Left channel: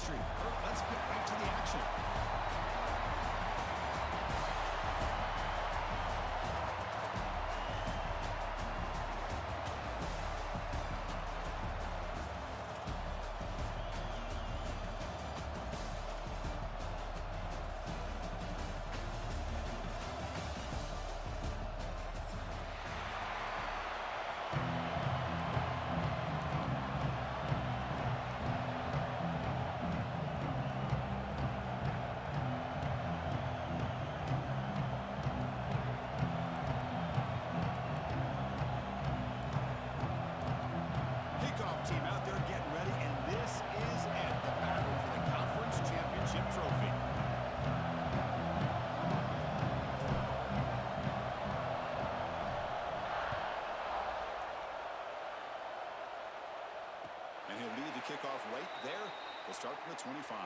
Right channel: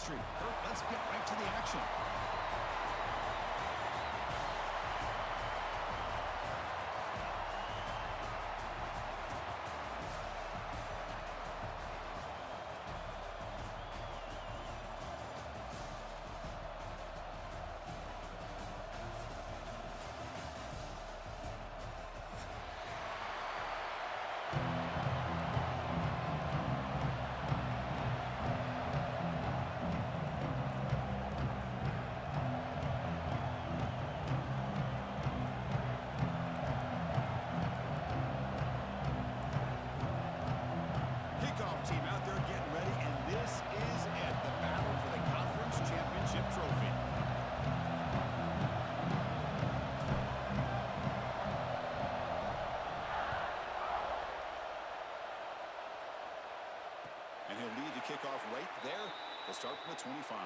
streak. Kurt, let's get right to the action. Team out there getting ready, and this is it, the battle for the conference championship trophy. And he'll lead the kickoff right there. They'll start from the 25.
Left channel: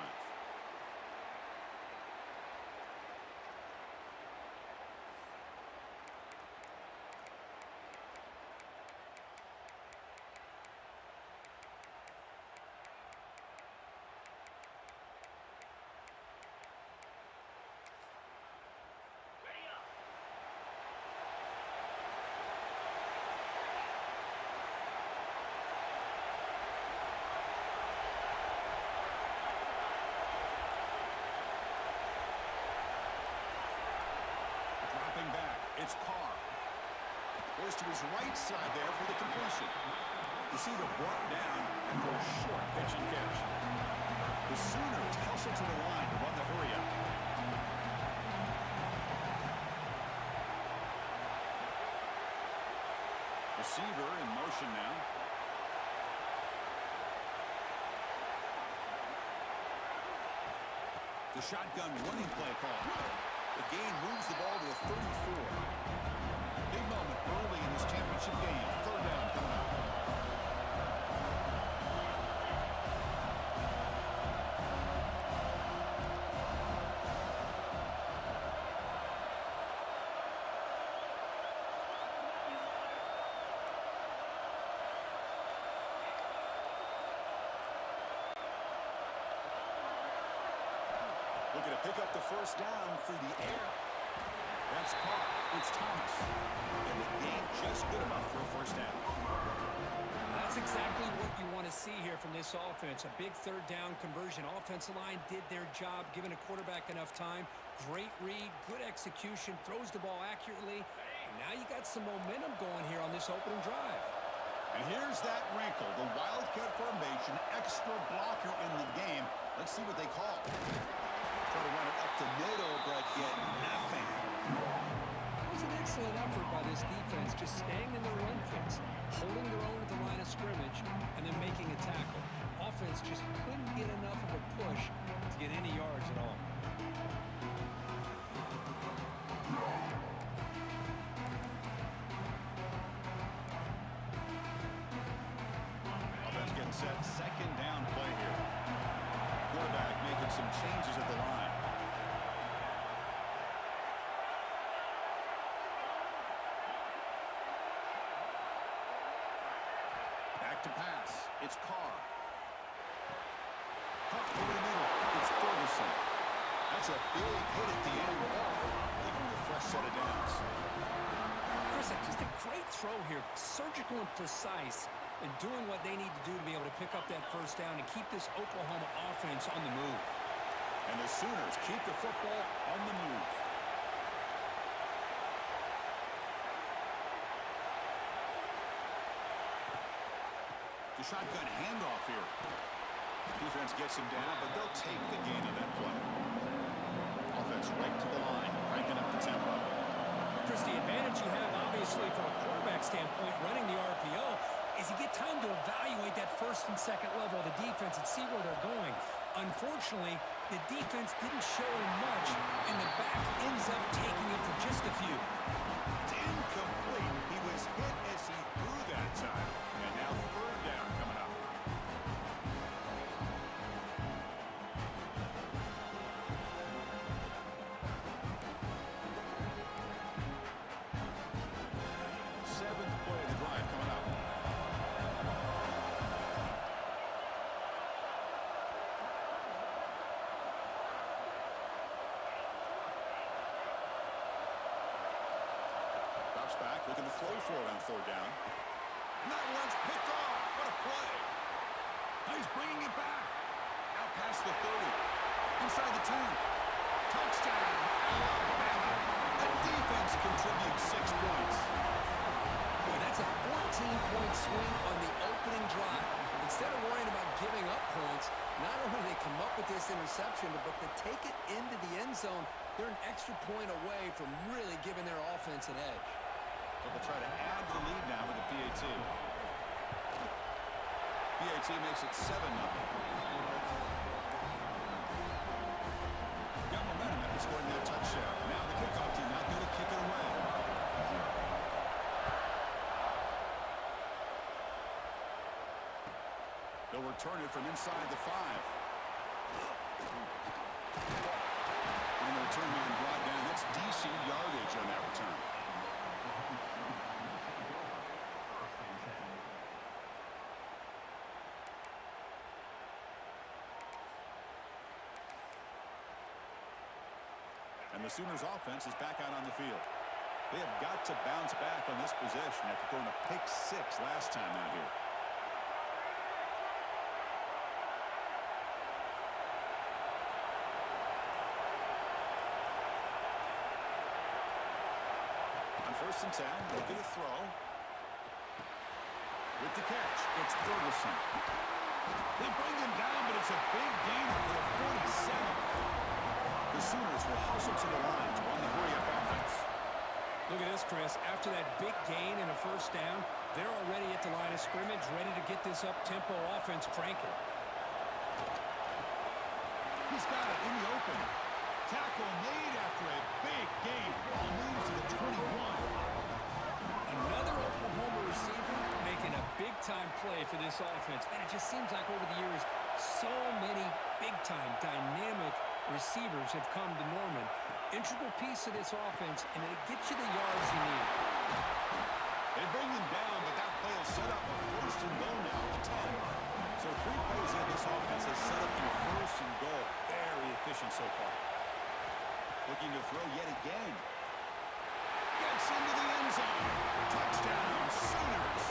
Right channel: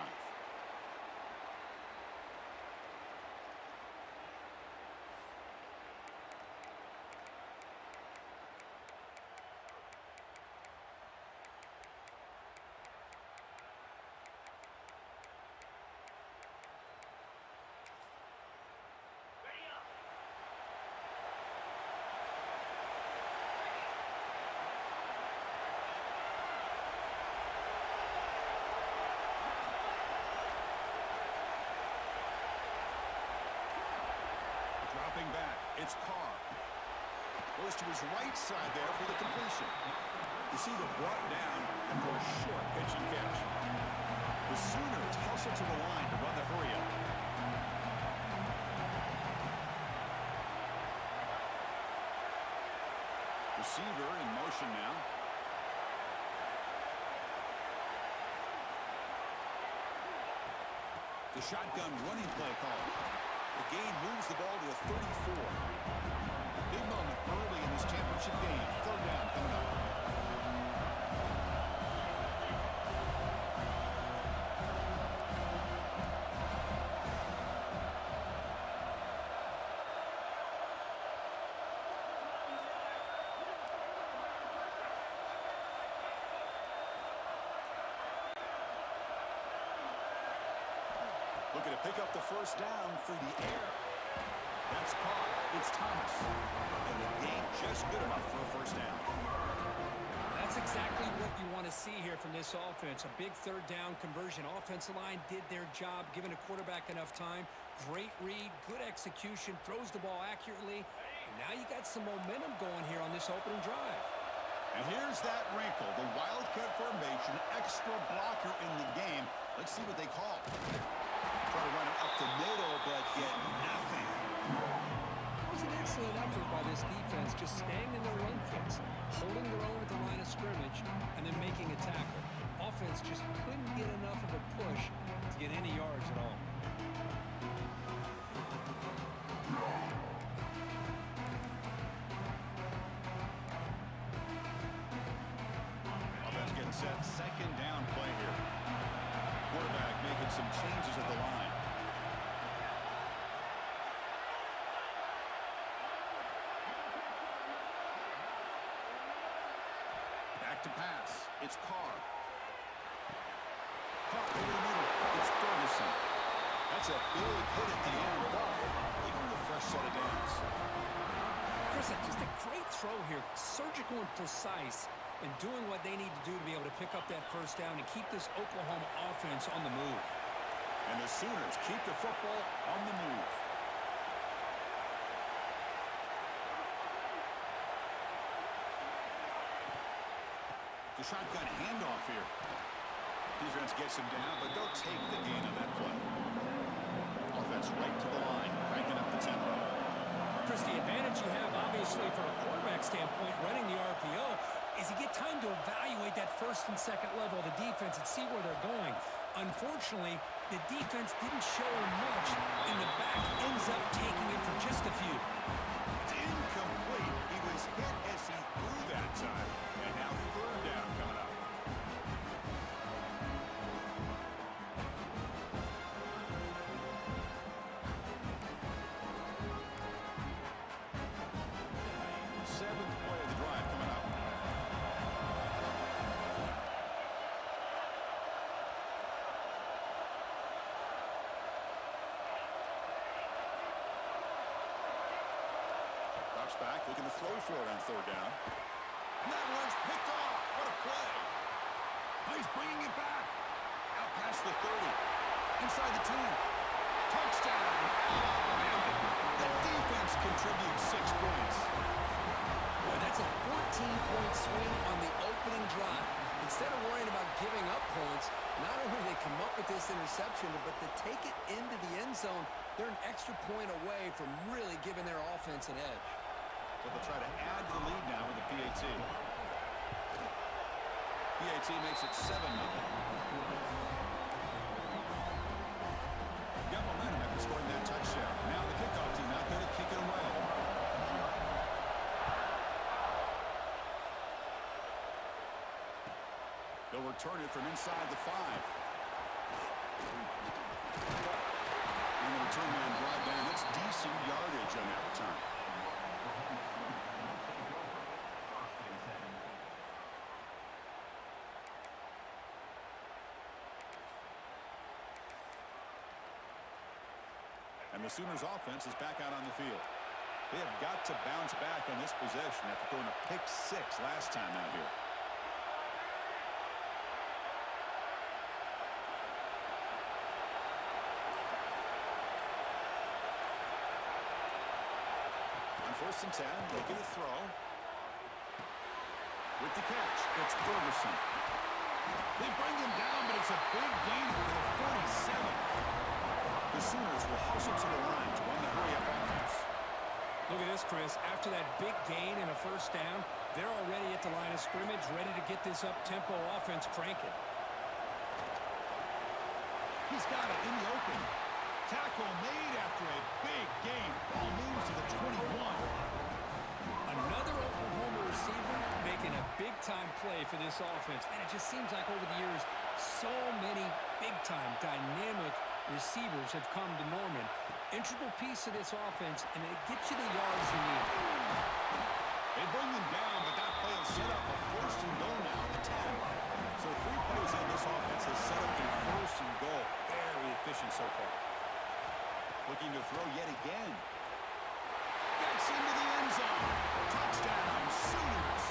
Dropping back, it's Carr. Goes to his right side there for the completion. Receiver brought down after a short pitch and catch. The Sooners hustle to the line to run the hurry-up. Receiver in motion now. The shotgun running play call. The gain moves the ball to the 34. Big moment early in this championship game. Third down coming up. Looking to pick up the first down through the air. That's caught. It's Thomas. And the gain just good enough for a first down. That's exactly what you want to see here from this offense. A big third down conversion. Offensive line did their job, giving a quarterback enough time. Great read, good execution, throws the ball accurately. And now you got some momentum going here on this opening drive. And here's that wrinkle. The Wildcat formation, extra blocker in the game. Let's see what they call. Try to run it up the middle, but get nothing. It was an excellent effort by this defense, just staying in their run fits, holding their own at the line of scrimmage, and then making a tackle. Offense just couldn't get enough of a push to get any yards at all. Offense getting set. Second down play here. Quarterback making some changes at the line. Back to pass. It's Carr. Carr over the middle. It's Ferguson. That's a big hit at the end. Ball leaving with a fresh set of downs. Chris, just a great throw here. Surgical and precise. And doing what they need to do to be able to pick up that first down and keep this Oklahoma offense on the move. And the Sooners keep the football on the move. The shotgun handoff here. Defense gets him down, but they'll take the gain on that play. Offense right to the line, cranking up the tempo. Chris, the advantage you have, obviously, from a quarterback standpoint, running the RPO, is you get time to evaluate that first and second level of the defense and see where they're going. Unfortunately, the defense didn't show him much, and the back ends up taking it for just a few. It's incomplete. He was hit as he threw that time, and now third down coming up. Seventh play of the drive coming up. Drops back, looking to throw for it on third down. And that one's picked off. What a play. He's bringing it back. Out past the 30. Inside the 10. Touchdown, Alabama. The defense contributes 6 points. Boy, that's a 14-point swing on the opening drive. Instead of worrying about giving up points, not only do they come up with this interception, but to take it into the end zone, they're an extra point away from really giving their offense an edge. So they'll try to add to the lead now with the PAT. PAT makes it 7-0. Got momentum after scoring that touchdown. Now the kickoff team out there to kick it away. They'll return it from inside the 5. And the return man brought down. That's decent yardage on that return. And the Sooners offense is back out on the field. They have got to bounce back on this possession after throwing a pick 6 last time out here. On 1st and 10, they get a throw. With the catch, it's Ferguson. They bring him down, but it's a big gain for the 47. The Sooners will hustle to the line to run the hurry-up offense. Look at this, Chris. After that big gain and a 1st down, they're already at the line of scrimmage, ready to get this up-tempo offense cranking. He's got it in the open. Tackle made after a big gain. Ball moves to the 21. Another Oklahoma receiver making a big-time play for this offense. Man, it just seems like over the years, so many big-time, dynamic receivers have come to Norman. Integral piece of this offense, and it gets you the yards you need. They bring them down, but that play will set up a 1st and goal now at the 10. So 3 plays in, this offense has set up a 1st and goal. Very efficient so far. Looking to throw yet again. Gets into the end zone. Touchdown, Sooners.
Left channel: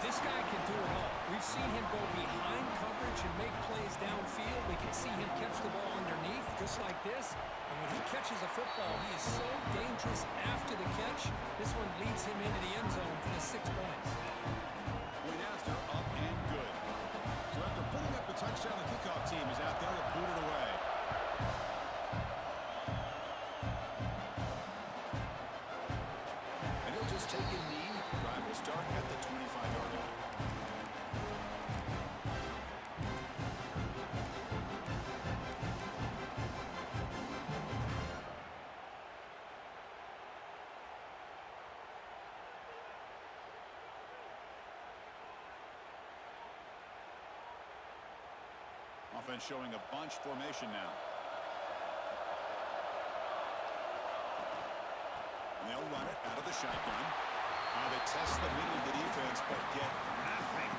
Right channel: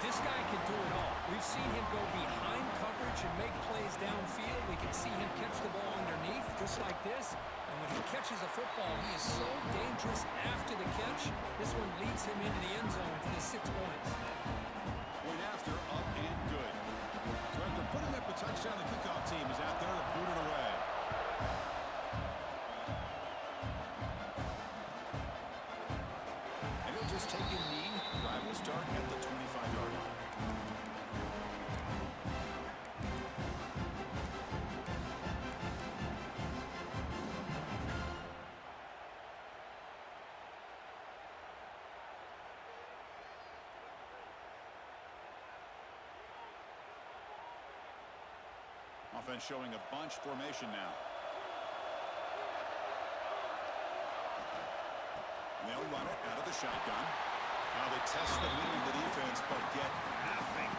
This guy can do it all. We've seen him go behind coverage and make plays downfield. We can see him catch the ball underneath, just like this. And when he catches a football, he is so dangerous after the catch. This one leads him into the end zone for the 6 points. Point after, up and good. So after putting up the touchdown, the kickoff team is out there to boot it away. And he'll just take a knee. Drive will start at the 25-yard line. Offense showing a bunch formation now. And they'll run it out of the shotgun. They test the middle of the defense, but get nothing.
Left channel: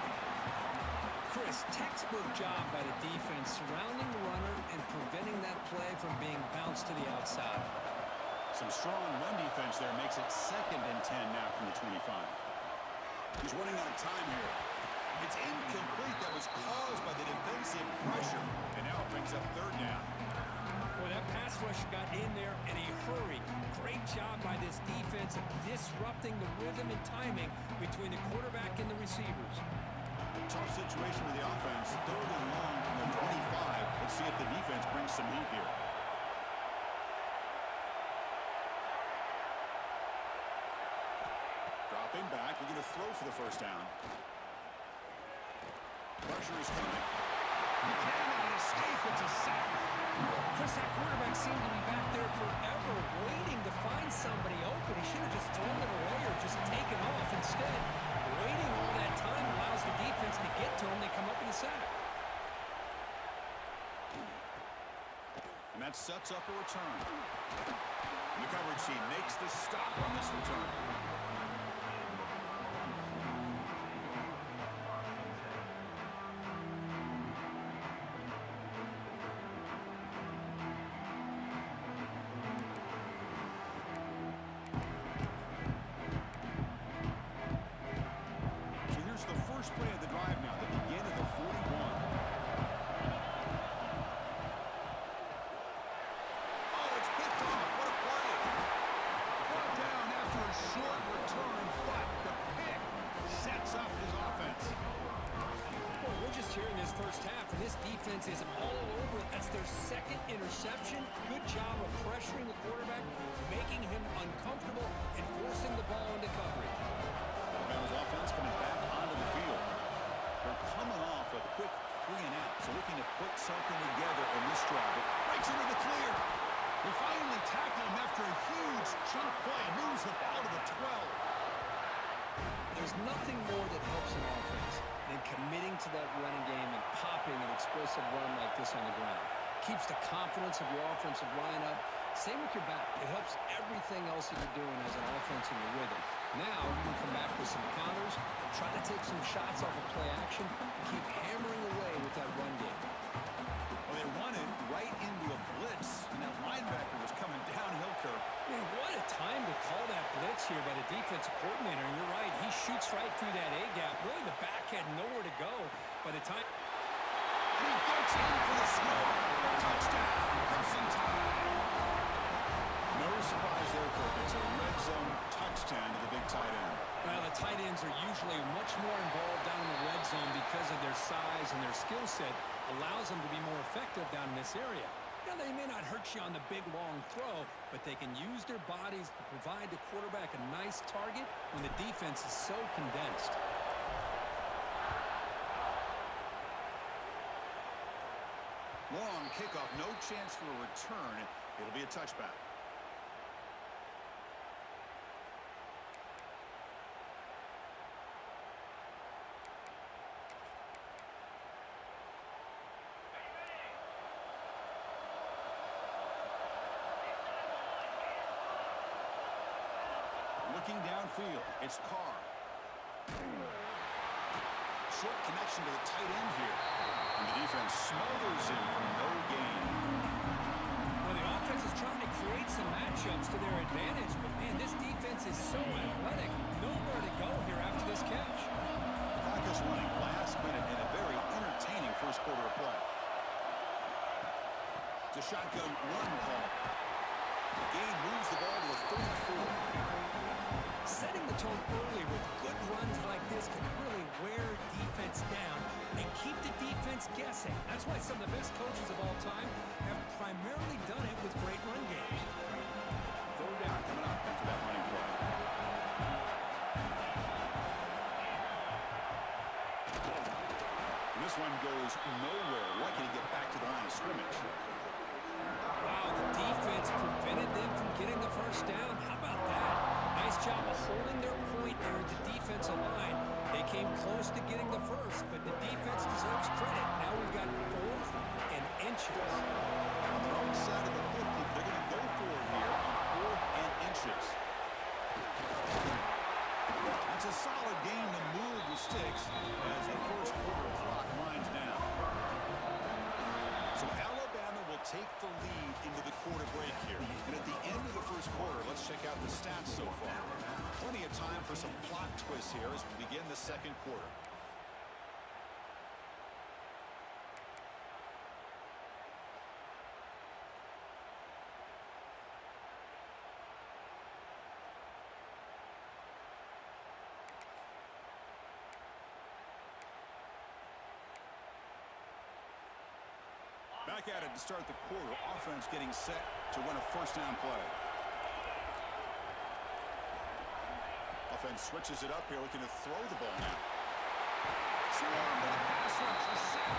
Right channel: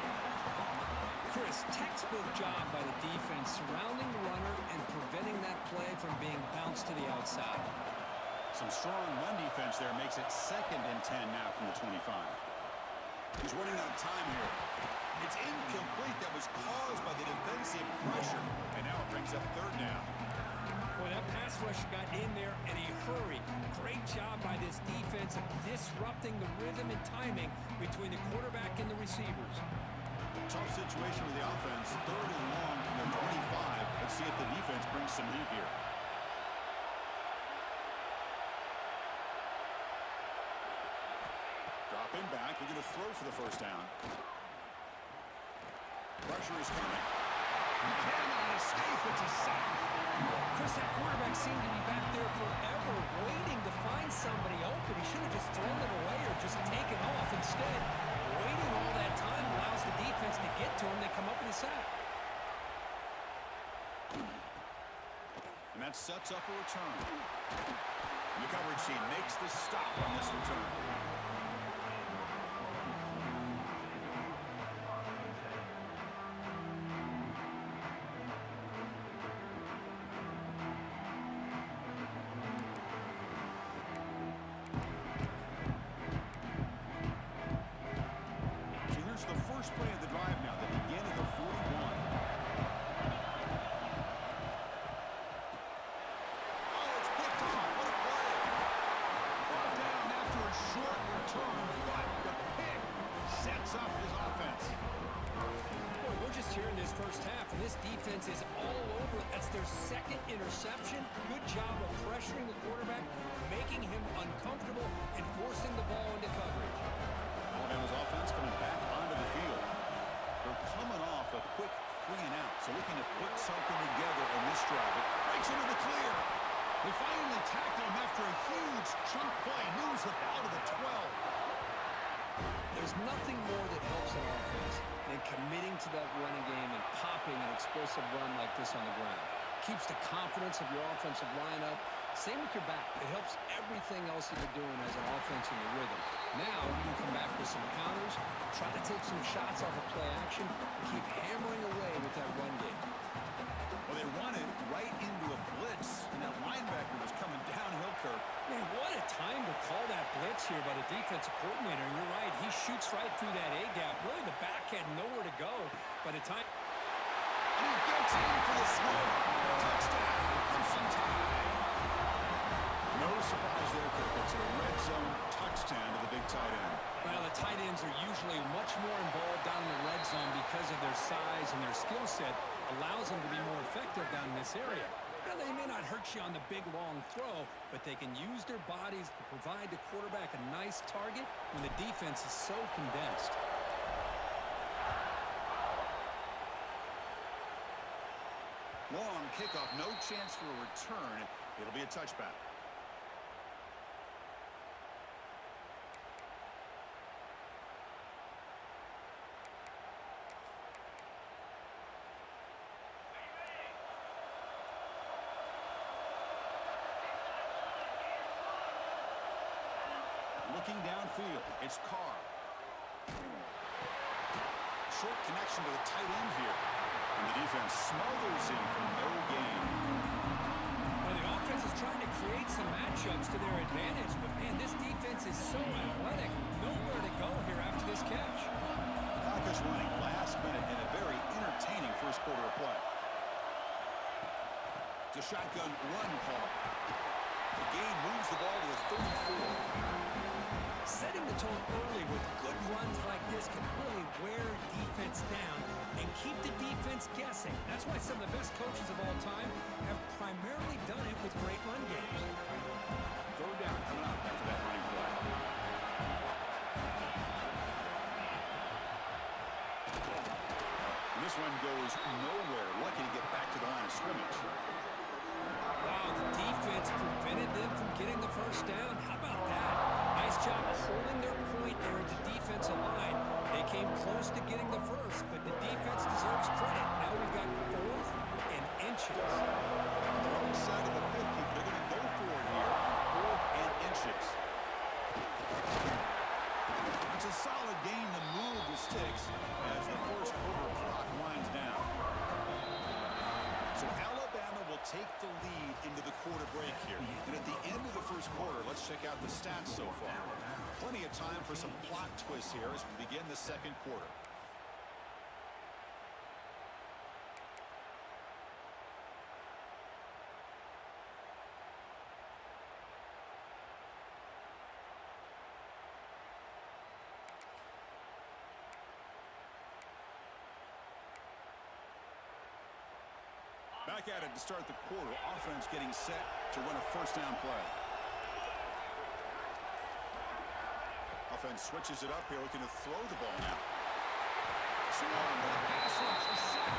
Chris, textbook job by the defense surrounding the runner and preventing that play from being bounced to the outside. Some strong run defense there makes it 2nd and 10 now from the 25. He's running out of time here. It's incomplete. That was caused by the defensive pressure. And now it brings up 3rd down. Boy, that pass rush got in there in a hurry. Great job by this defense of disrupting the rhythm and timing between the quarterback and the receivers. Tough situation with the offense. 3rd and long from their 25. Let's see if the defense brings some heat here. Dropping back. Looking to throw for the 1st down. Pressure is coming. He cannot escape. It's a sack. Chris, that quarterback seemed to be back there forever waiting to find somebody open. He should have just thrown it away or just taken off. Instead, waiting all that time allows the defense to get to him. They come up with a sack. And that sets up a return. And the coverage team makes the stop on this return. this first half, and this defense is all over it. That's their second interception. Good job of pressuring the quarterback, making him uncomfortable, and forcing the ball into coverage. Alabama's offense coming back onto the field. They're coming off a quick 3-and-out, so looking to put something together in this drive. It breaks into the clear. They finally tackle him after a huge chunk play. Moves the ball to the 12. There's nothing more that helps an offense than committing to that running game and popping an explosive run like this on the ground. Keeps the confidence of your offensive line up. Same with your back. It helps everything else that you're doing as an offense in your rhythm. Now you can come back with some counters, try to take some shots off of play action, and keep hammering away with that run game. Well, they run it right into a blitz, and that linebacker was coming downhill, Kirk. Man, what a time to call that blitz here by the defensive coordinator. And you're right, he shoots right through that A-gap. Really, the back had nowhere to go by the time. And he gets in for the score. Touchdown, Crimson Tide. No surprise there, Kirk. It's a red zone touchdown to the big tight end. Well, the tight ends are usually much more involved down in the red zone because of their size and their skill set. Allows them to be more effective down in this area. Now, they may not hurt you on the big, long throw, but they can use their bodies to provide the quarterback a nice target when the defense is so condensed. Long kickoff, no chance for a return. It'll be a touchback. Looking downfield, it's Carr. Short connection to the tight end here. And the defense smothers him for no gain. Well, the offense is trying to create some matchups to their advantage, but man, this defense is so athletic. Nowhere to go here after this catch. The clock is running last minute in a very entertaining first quarter of play. It's a shotgun run call. The gain moves the ball to the 34. Setting the tone early with good runs like this can really wear defense down and keep the defense guessing. That's why some of the best coaches of all time have primarily done it with great run games. Third down coming up after that running play. And this one goes nowhere. Lucky to get back to the line of scrimmage. Wow, the defense prevented them from getting the first down. How about that? Nice job of holding their point there at the defensive line. They came close to getting the first, but the defense deserves credit. Now we've got 4th and inches. On their own side of the 50, they're going to go for it here on 4th and inches. That's a solid gain to move the sticks as the first quarter clock winds down. So Alabama will take the lead into the quarter break here. And at the end of the first quarter, let's check out the stats so far. Plenty of time for some plot twists here as we begin the second quarter. Back at it to start the quarter. Offense getting set to run a first down play. Offense switches it up here, looking to throw the ball now. Swarm to the pass rush, a sack.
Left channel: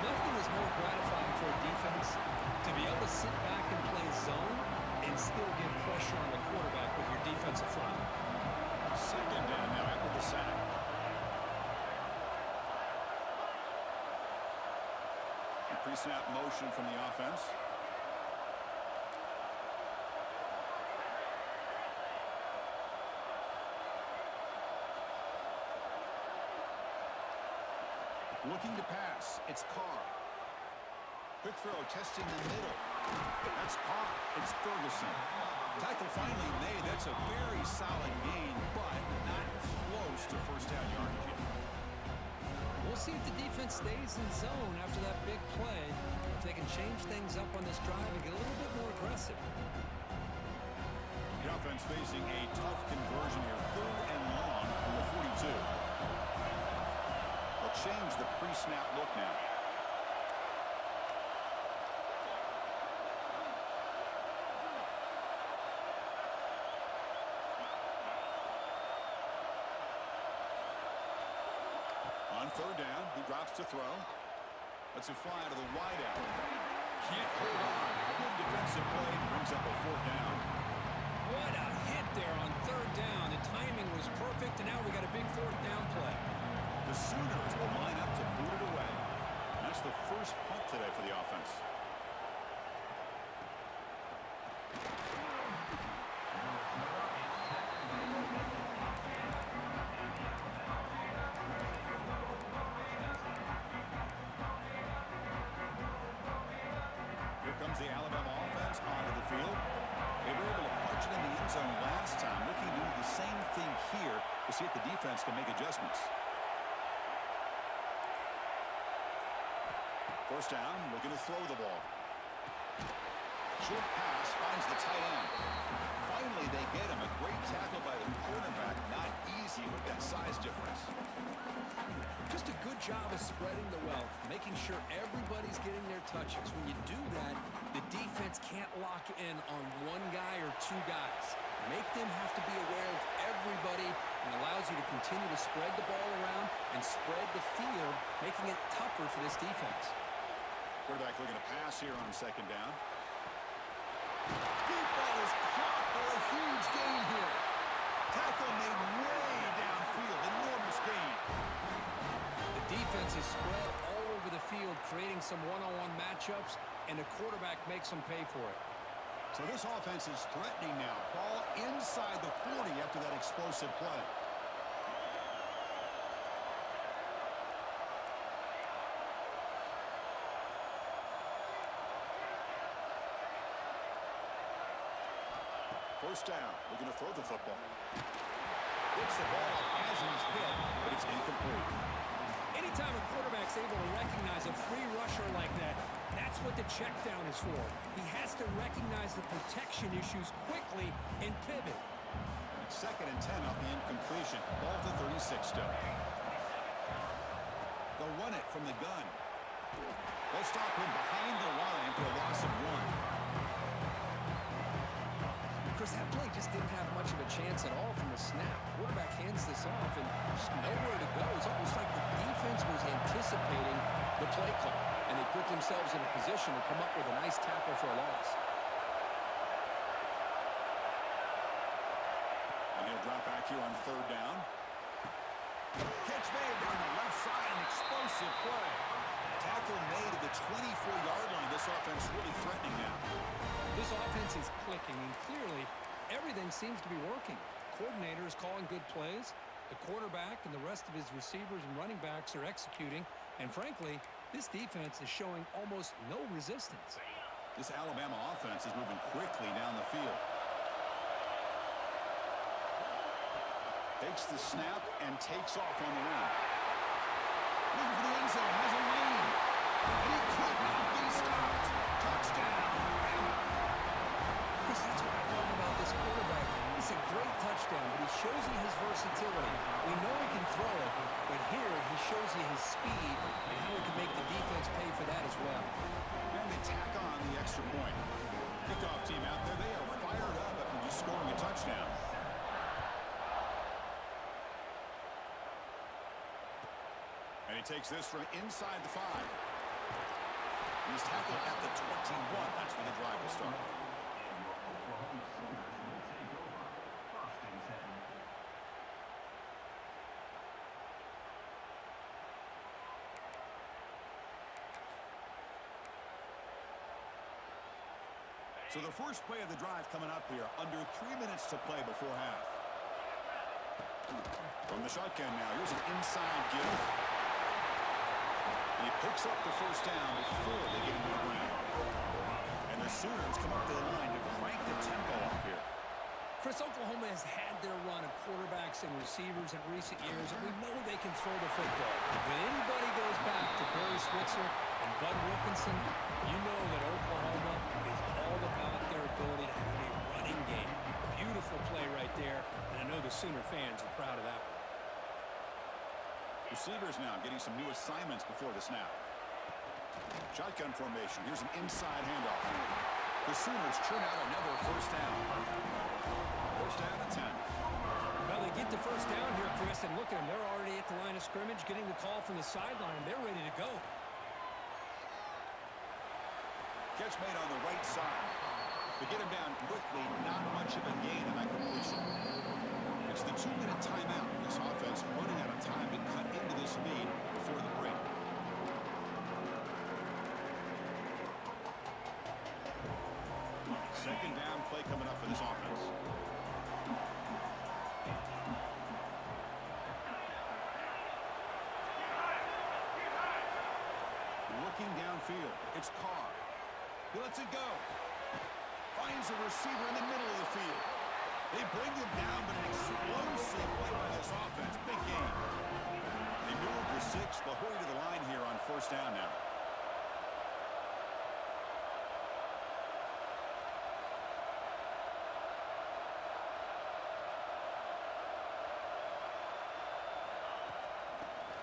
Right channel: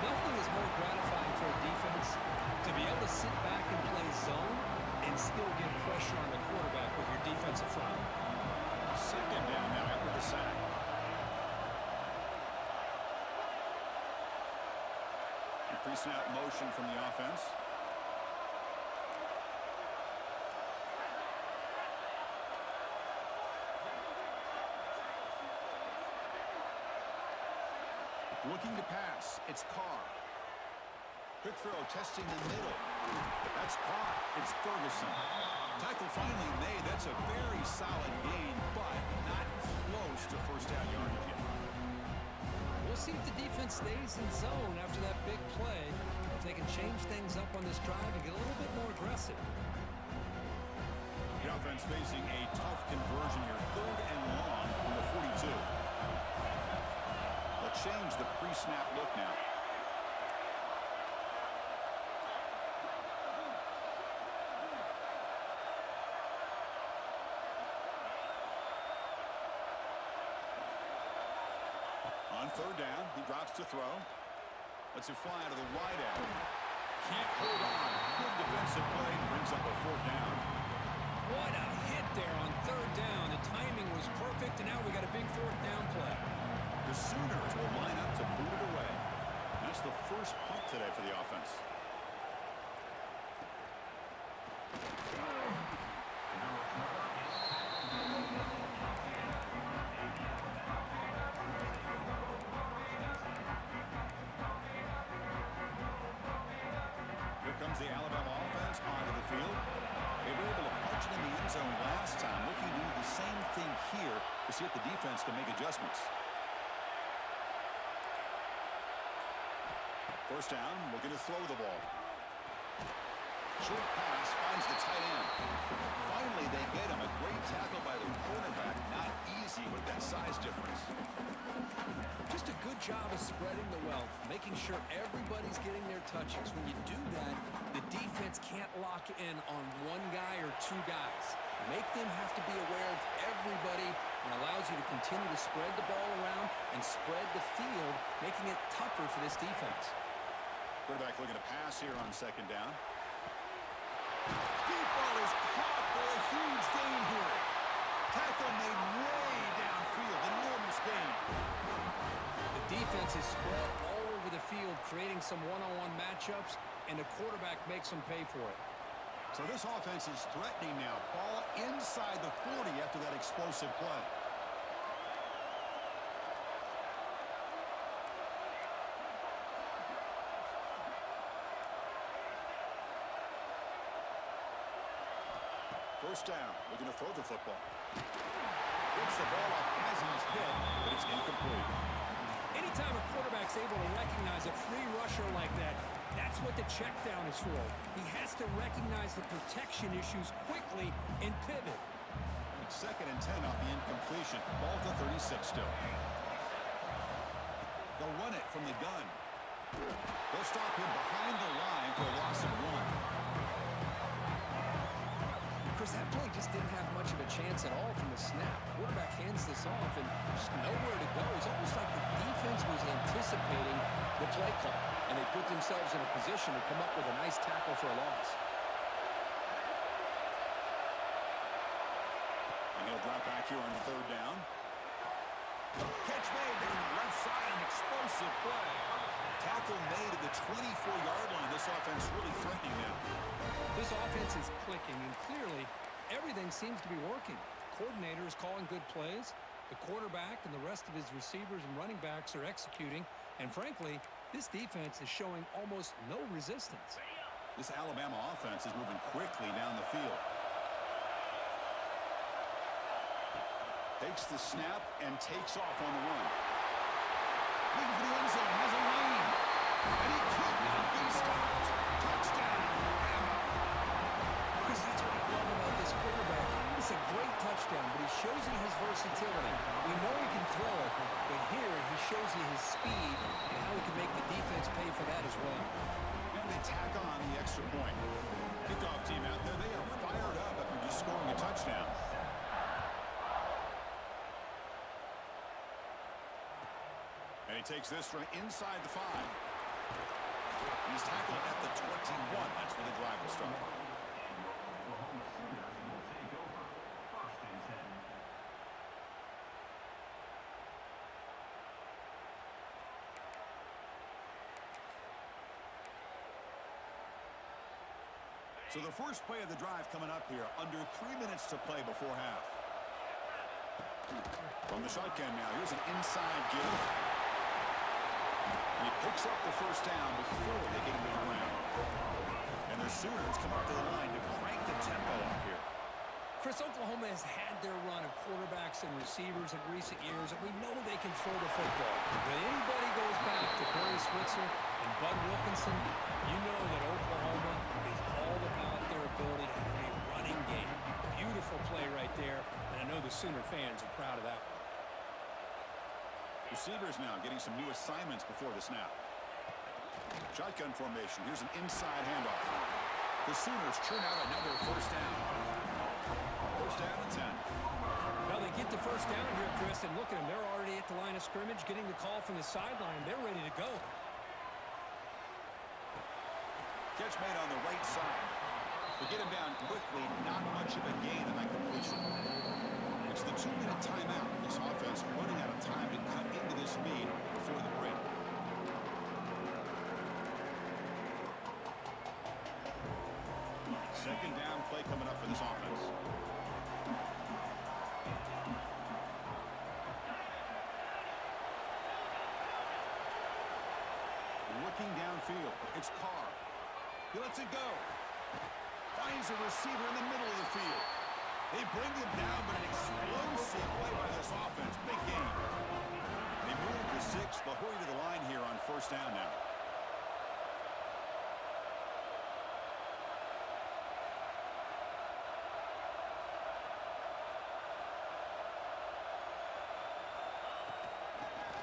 Nothing is more gratifying for a defense to be able to sit back and play zone and still get pressure on the quarterback with your defensive front. Second down now after the sack. Pre-snap motion from the offense. Looking to pass. It's Carr. Quick throw, testing the middle. That's Carr. It's Ferguson. Tackle finally made. That's a very solid gain, but not close to first down yardage yet. We'll see if the defense stays in zone after that big play. If they can change things up on this drive and get a little bit more aggressive. The offense facing a tough conversion here. 3rd and long from the 42. The They'll change the pre-snap look now. On third down, he drops to throw. Lets it fly to the wideout. Can't hold on. Good defensive play. Brings up a fourth down. What a hit there on third down. The timing was perfect, and now we got a big fourth down play. The Sooners will line up to boot it away. That's the first punt today for the offense. Here comes the Alabama offense onto the field. They were able to punch it in the end zone last time. Looking to do the same thing here to see if the defense can make adjustments. First down, looking to throw the ball. Short pass finds the tight end. Finally, they get him. A great tackle by the cornerback. Not easy with that size difference. Just a good job of spreading the wealth, making sure everybody's getting their touches. When you do that, the defense can't lock in on one guy or two guys. Make them have to be aware of everybody, and allows you to continue to spread the ball around and spread the field, making it tougher for this defense. Quarterback looking to pass here on second down. Deep ball is caught for a huge gain here. Tackle made way downfield. Enormous gain. The defense is spread all over the field, creating some one-on-one matchups, and the quarterback makes them pay for it. So this offense is threatening now. Ball inside the 40 after that explosive play. First down, looking to throw the football. Gets the ball off as he's hit, but it's incomplete. Anytime a quarterback's able to recognize a free rusher like that, that's what the check down is for. He has to recognize the protection issues quickly and pivot. It's 2nd and 10 off the incompletion. Ball to 36 still. They'll run it from the gun. They'll stop him behind the line for a loss of 1. Chris, that play just didn't have much of a chance at all from the snap. Quarterback hands this off and just nowhere to go. It's almost like the defense was anticipating the play call, and they put themselves in a position to come up with a nice tackle for a loss. And he'll drop back here on third down. Catch made there on the left side, an explosive play. Tackle made at the 24-yard line. This offense really threatening now. This offense is clicking, and clearly everything seems to be working. The coordinator is calling good plays. The quarterback and the rest of his receivers and running backs are executing. And frankly, this defense is showing almost no resistance. This Alabama offense is moving quickly down the field. Takes the snap and takes off on the run. Looking for the end zone, has a lane. And he could not be stopped. Touchdown, Alabama. Chris, that's what I love about this quarterback. It's a great touchdown, but he shows you his versatility. We know he can throw it, but here he shows you his speed and how he can make the defense pay for that as well. And they tack on the extra point. Kickoff team out there, they are fired up after just scoring a touchdown. And he takes this from inside the 5. He's tackled at the 21. That's where the drive will start. So the first play of the drive coming up here, under 3 minutes to play before half. From the shotgun now, here's an inside give. And he picks up the first down before they get into the ground. And the Sooners come up to the line to crank the tempo up here. Chris, Oklahoma has had their run of quarterbacks and receivers in recent years, and we know they can throw the football. When anybody goes back to Barry Switzer and Bud Wilkinson, you know that Oklahoma is all about their ability to have a running game. Beautiful play right there, and I know the Sooner fans are proud of that one. Receivers now getting some new assignments before the snap. Shotgun formation. Here's an inside handoff. The Sooners churn out another first down. First down and 10. Well, they get the first down here, Chris, and look at them. They're already at the line of scrimmage, getting the call from the sideline. They're ready to go. Catch made on the right side. To get him down quickly, not much of a gain on that completion. It's the 2-minute timeout. This offense running out of time to cut into this lead before the break. Second down play coming up for this offense. Looking downfield. It's Carr. He lets it go. Finds a receiver in the middle of the field. They bring him down, but an explosive play by this offense. Big game. They move the 6. They'll hurry to the line here on first down now.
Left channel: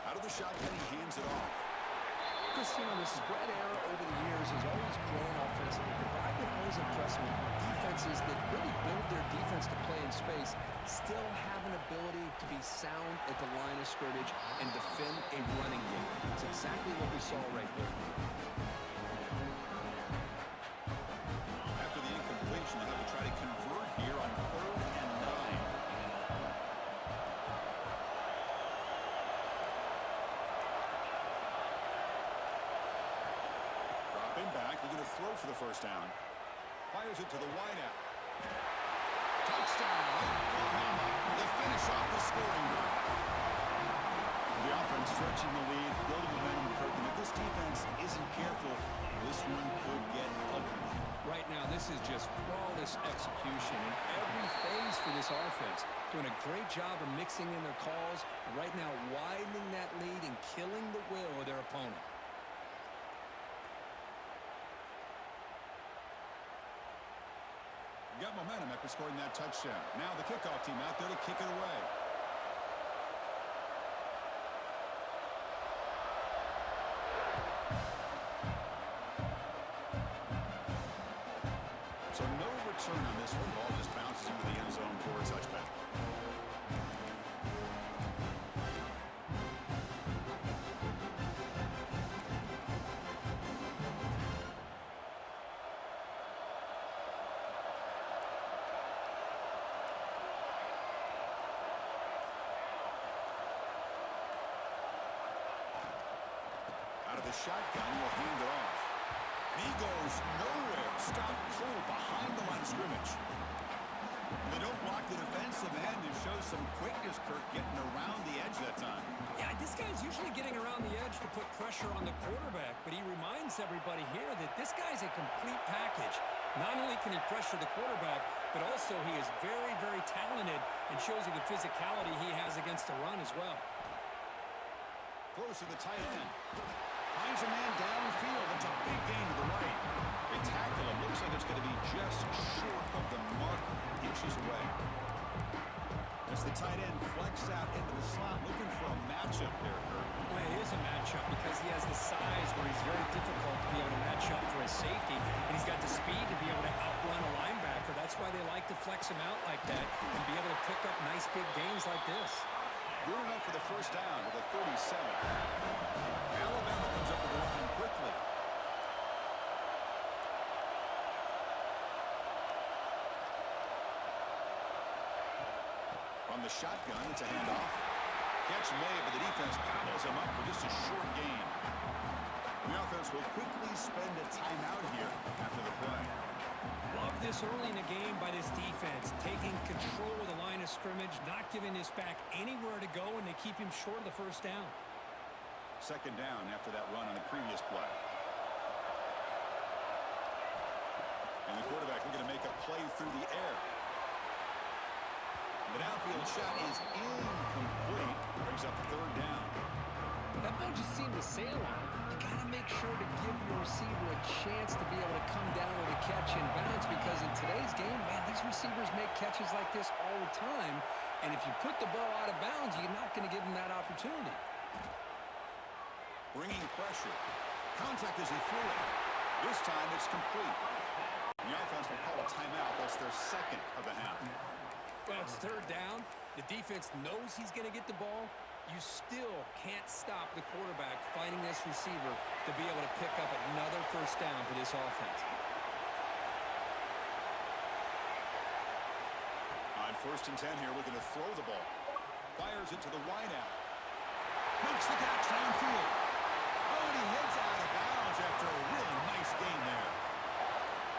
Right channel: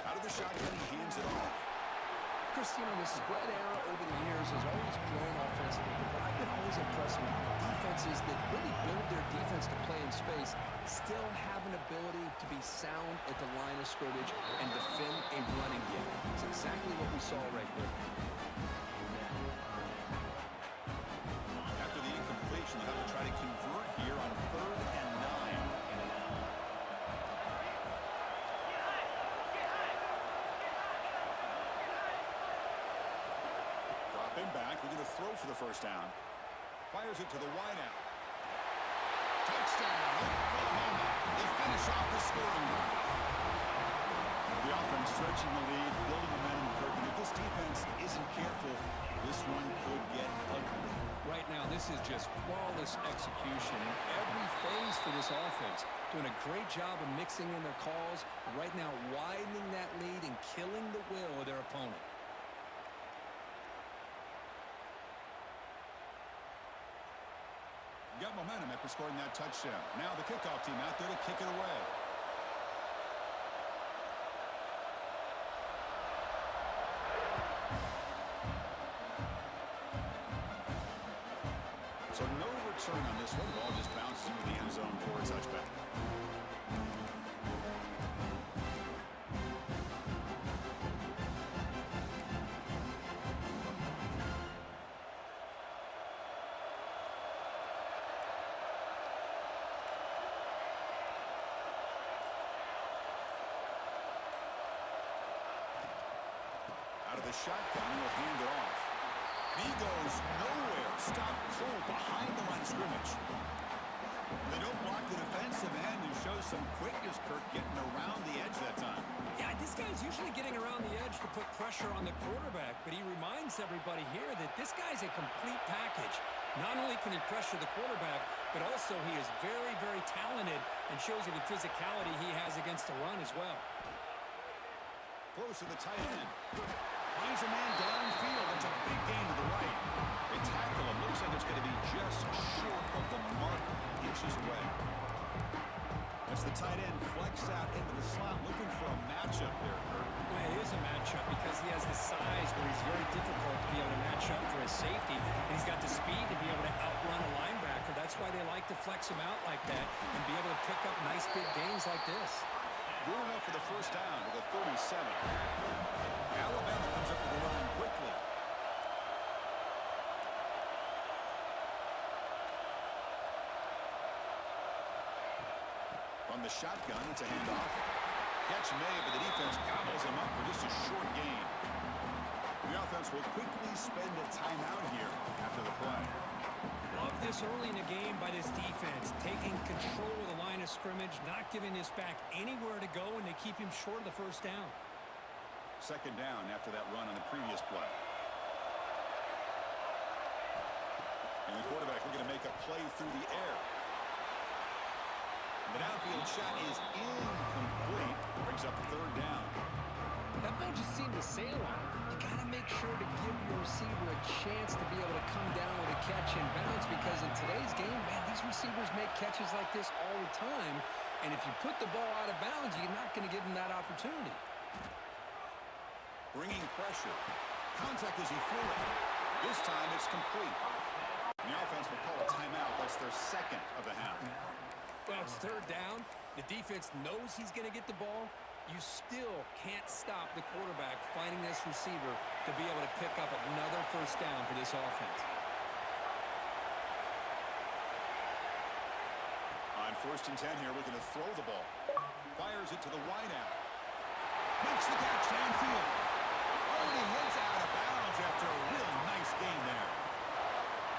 Out of the shotgun, he hands it off. Chris, you know, the spread era over the years has always grown offensively, but I've been always impressed with defenses that really build their defense to play in space, still have an ability to be sound at the line of scrimmage and defend a running game. It's exactly what we saw right there. After the incompletion, they'll have to try to convert here on 3rd and 9. Dropping back, they're going to throw for the first down. Fires it to the wideout. Touchdown, Oklahoma. They finish off the scoring drive. The offense stretching the lead, building momentum, Kirk, and if this defense isn't careful, this one could get ugly. Right now, this is just flawless execution in every phase for this offense. Doing a great job of mixing in their calls. Right now, widening that lead and killing the will of their opponent. Got momentum after scoring that touchdown. Now the kickoff team out there to kick it away. So no return on this one. Ball just bounces into the end zone for a touchback. Out of the shotgun, will hand it off. And he goes nowhere. Stop cold behind the line of scrimmage. They don't block the defensive end and show some quickness, Kirk, getting around the edge that time. Yeah, this guy's usually getting around the edge to put pressure on the quarterback, but he reminds everybody here that this guy's a complete package. Not only can he pressure the quarterback, but also he is very, very talented and shows you the physicality he has against the run as well. Close to the tight end. Finds a man downfield. It's a big gain to the right. They tackle him. Looks like it's going to be just short of the mark, inches away. As the tight end flex out into the slot, looking for a matchup there, Kirk. Well, it is a matchup because he has the size where he's very difficult to be able to match up for his safety, and he's got the speed to be able to outrun a linebacker. That's why they like to flex him out like that and be able to pick up nice big gains like this. Good enough for the first down with a 37. Alabama comes up to the line quickly. From the shotgun, it's a handoff. Catch made, but the defense gobbles him up for just a short gain. The offense will quickly spend a timeout here after the play. Love this early in the game by this defense, taking control of the line of scrimmage, not giving this back anywhere to go, and they keep him short of the first down. Second down after that run on the previous play. And the quarterback looking to make a play through the air. The downfield shot is incomplete. Brings up third down. That ball just seemed to sail on. You got to make sure to give your receiver a chance to be able to come down with a catch and bounce, because in today's game, man, these receivers make catches like this all the time. And if you put the ball out of bounds, you're not going to give them that opportunity. bringing pressure. Contact as he threw it. This time it's complete. The offense will call a timeout. That's their second of the half. Well, it's third down. The defense knows he's going to get the ball. You still can't stop the quarterback finding this receiver to be able to pick up another first down for this offense. On 1st and 10 here, looking to throw the ball. Fires it to the wideout. Makes the catch downfield. Oh, and he heads out of bounds after a really nice gain there.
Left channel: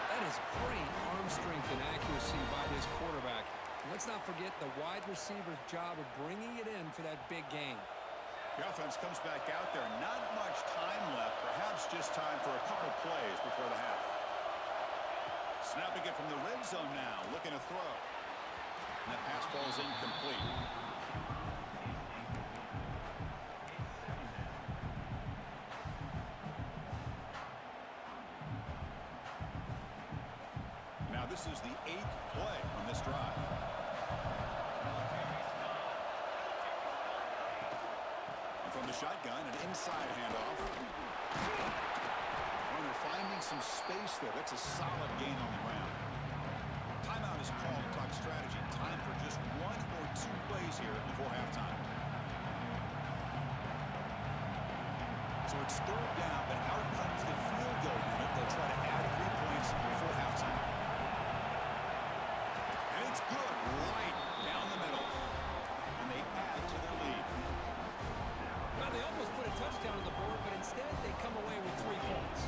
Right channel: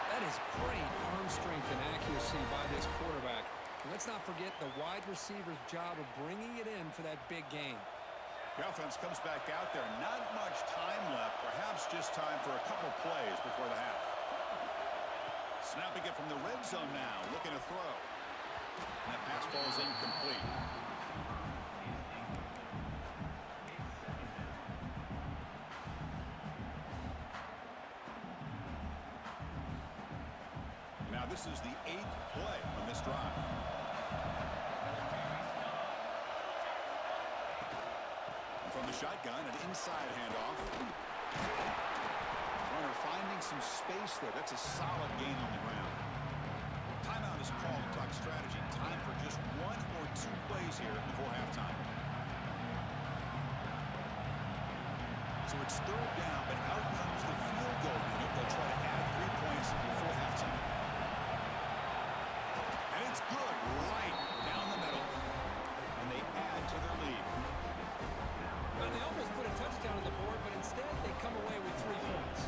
That is great arm strength and accuracy by this quarterback. And let's not forget the wide receiver's job of bringing it in for that big gain. The offense comes back out there. Not much time left. Perhaps just time for a couple plays before the half. Snapping it from the red zone now. Looking to throw. And that pass ball is incomplete. Now this is the 8th play on this drive. And from the shotgun, an inside handoff. Runner finding some space there. That's a solid gain on the ground. Timeout is called to talk strategy. Time for just 1 or 2 plays here before halftime. So it's third down, but out comes the field goal unit. They'll try to add 3 points before halftime. And it's good right down the middle. And they add to their lead. Well, they almost put a touchdown on the board, but instead they come away with 3 points.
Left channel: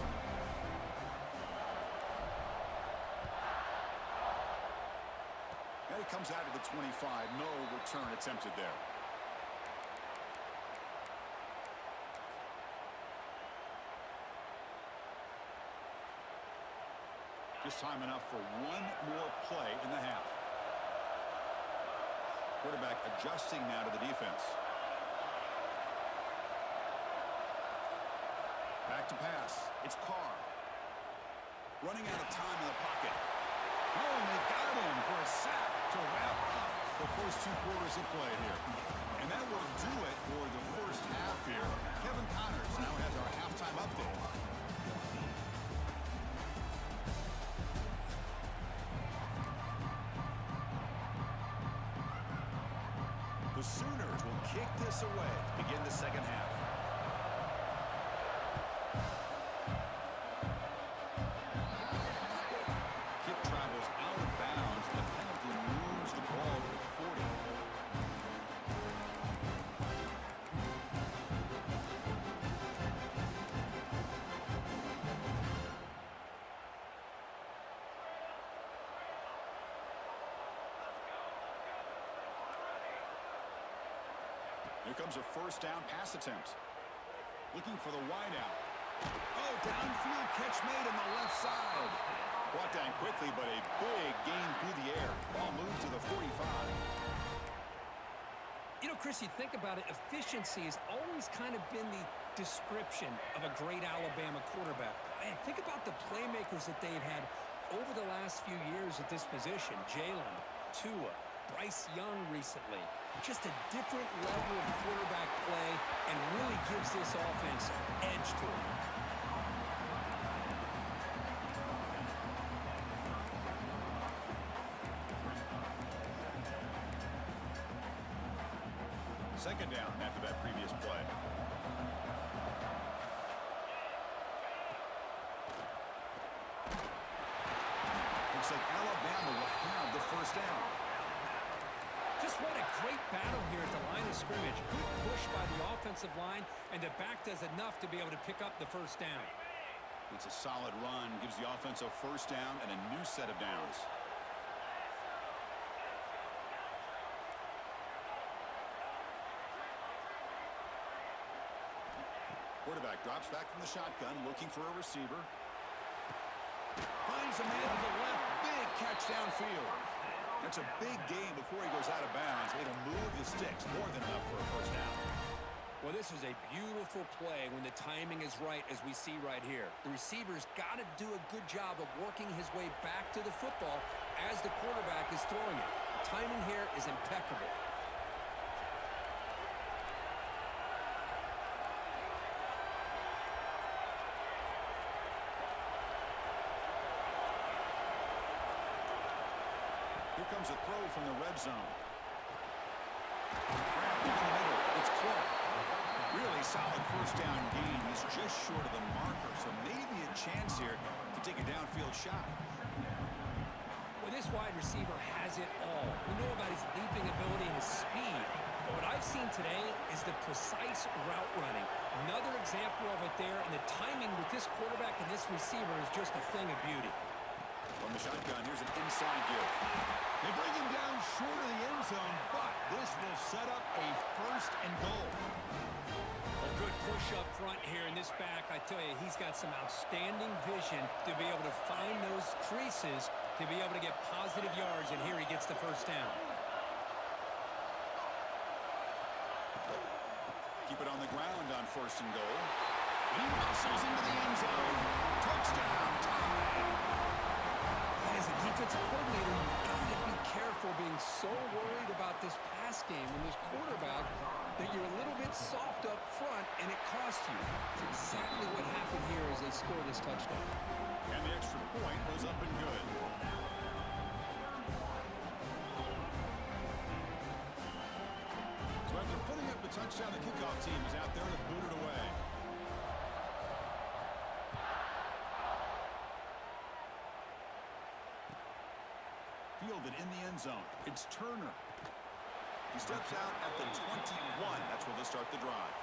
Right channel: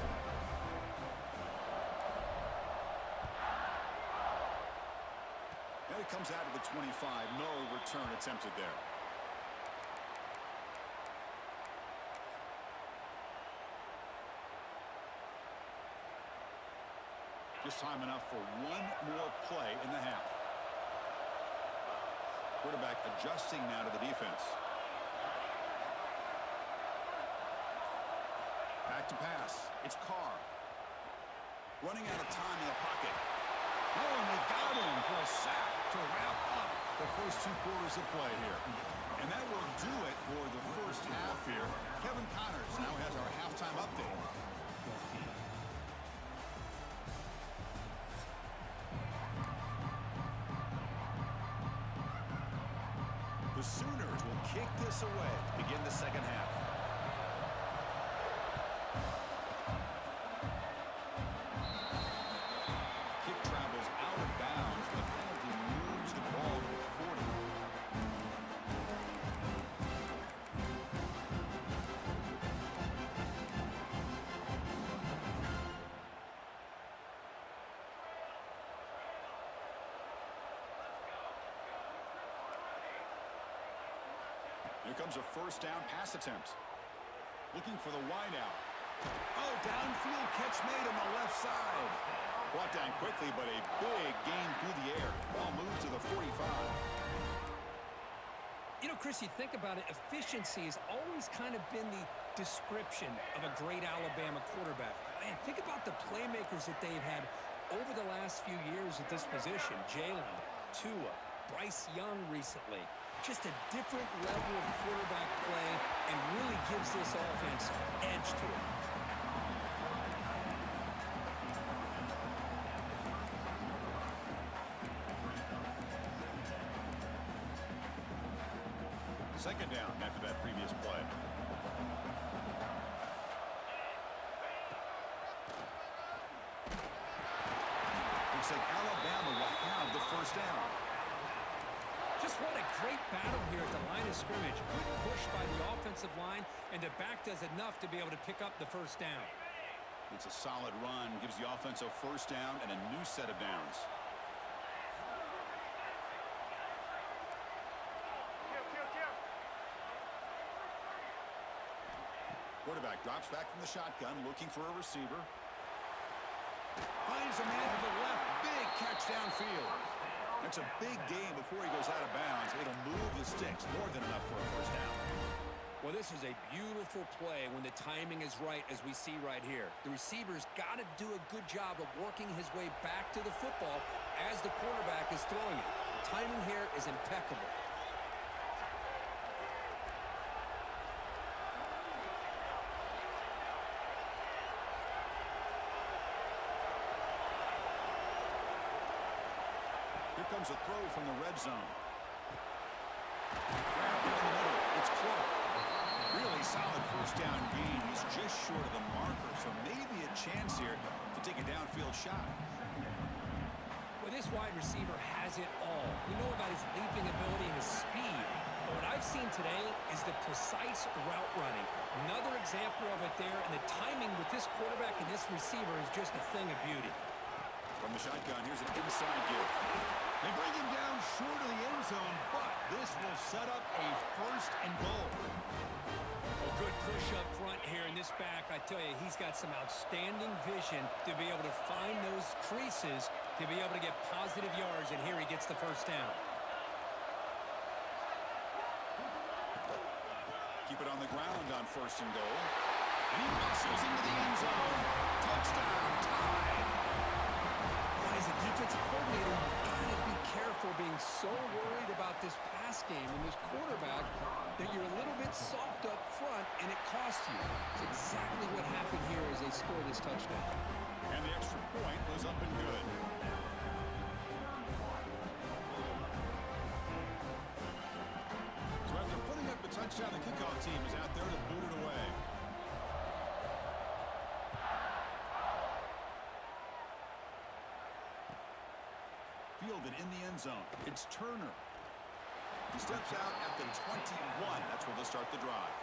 And it comes out of the 25. No return attempted there. Just time enough for 1 more play in the half. Quarterback adjusting now to the defense. Back to pass. It's Carr. Running out of time in the pocket. Oh, and they got him for a sack to wrap up the first 2 quarters of play here. And that will do it for the first half here. Kevin Connors now has our halftime update. The Sooners will kick this away to begin the second half. Kick travels out of bounds. The penalty moves the ball to the 40. Here comes a first down pass attempt. Looking for the wideout. Oh, downfield catch made on the left side. Brought down quickly, but a big gain through the air. Ball moves to the 45. You know, Chris, you think about it, efficiency has always kind of been the description of a great Alabama quarterback. Man, think about the playmakers that they've had over the last few years at this position. Jalen, Tua, Bryce Young recently. Just a different level of quarterback play and really gives this offense edge to it. Second down after that previous play. Looks like Alabama will have the first down. Just what a great battle here at the line of scrimmage. Good push by the offensive line, and the back does enough to be able to pick up the first down. It's a solid run, gives the offense a first down and a new set of downs. Quarterback drops back from the shotgun, looking for a receiver. Finds a man to the left. Big catch downfield. That's a big gain before he goes out of bounds. It'll move the sticks. More than enough for a first down. Well, this is a beautiful play when the timing is right, as we see right here. The receiver's got to do a good job of working his way back to the football as the quarterback is throwing it. The timing here is impeccable. comes a throw from the red zone. Grabbed in the middle. It's Clark. Really solid first down gain. He's just short of the marker, so maybe a chance here to take a downfield shot. Well, this wide receiver has it all. We know about his leaping ability and his speed. But what I've seen today is the precise route running. Another example of it there, and the timing with this quarterback and this receiver is just a thing of beauty. From the shotgun, here's an inside give. They bring him down short of the end zone, but this will set up a first and goal. A good push up front here in this back. I tell you, he's got some outstanding vision to be able to find those creases, to be able to get positive yards, and here he gets the first down. Keep it on the ground on first and goal. And he muscles into the end zone. Touchdown, tied. As a defensive coordinator, you've got to be careful being so worried about this pass game and this quarterback that you're a little bit soft up front and it costs you. It's exactly what happened here as they score this touchdown. And the extra point was up and good. So after putting up the touchdown, the kickoff team is out there to boot it away. Fielded in the end zone. It's Turner. He steps out at the 21. That's where they'll start the drive.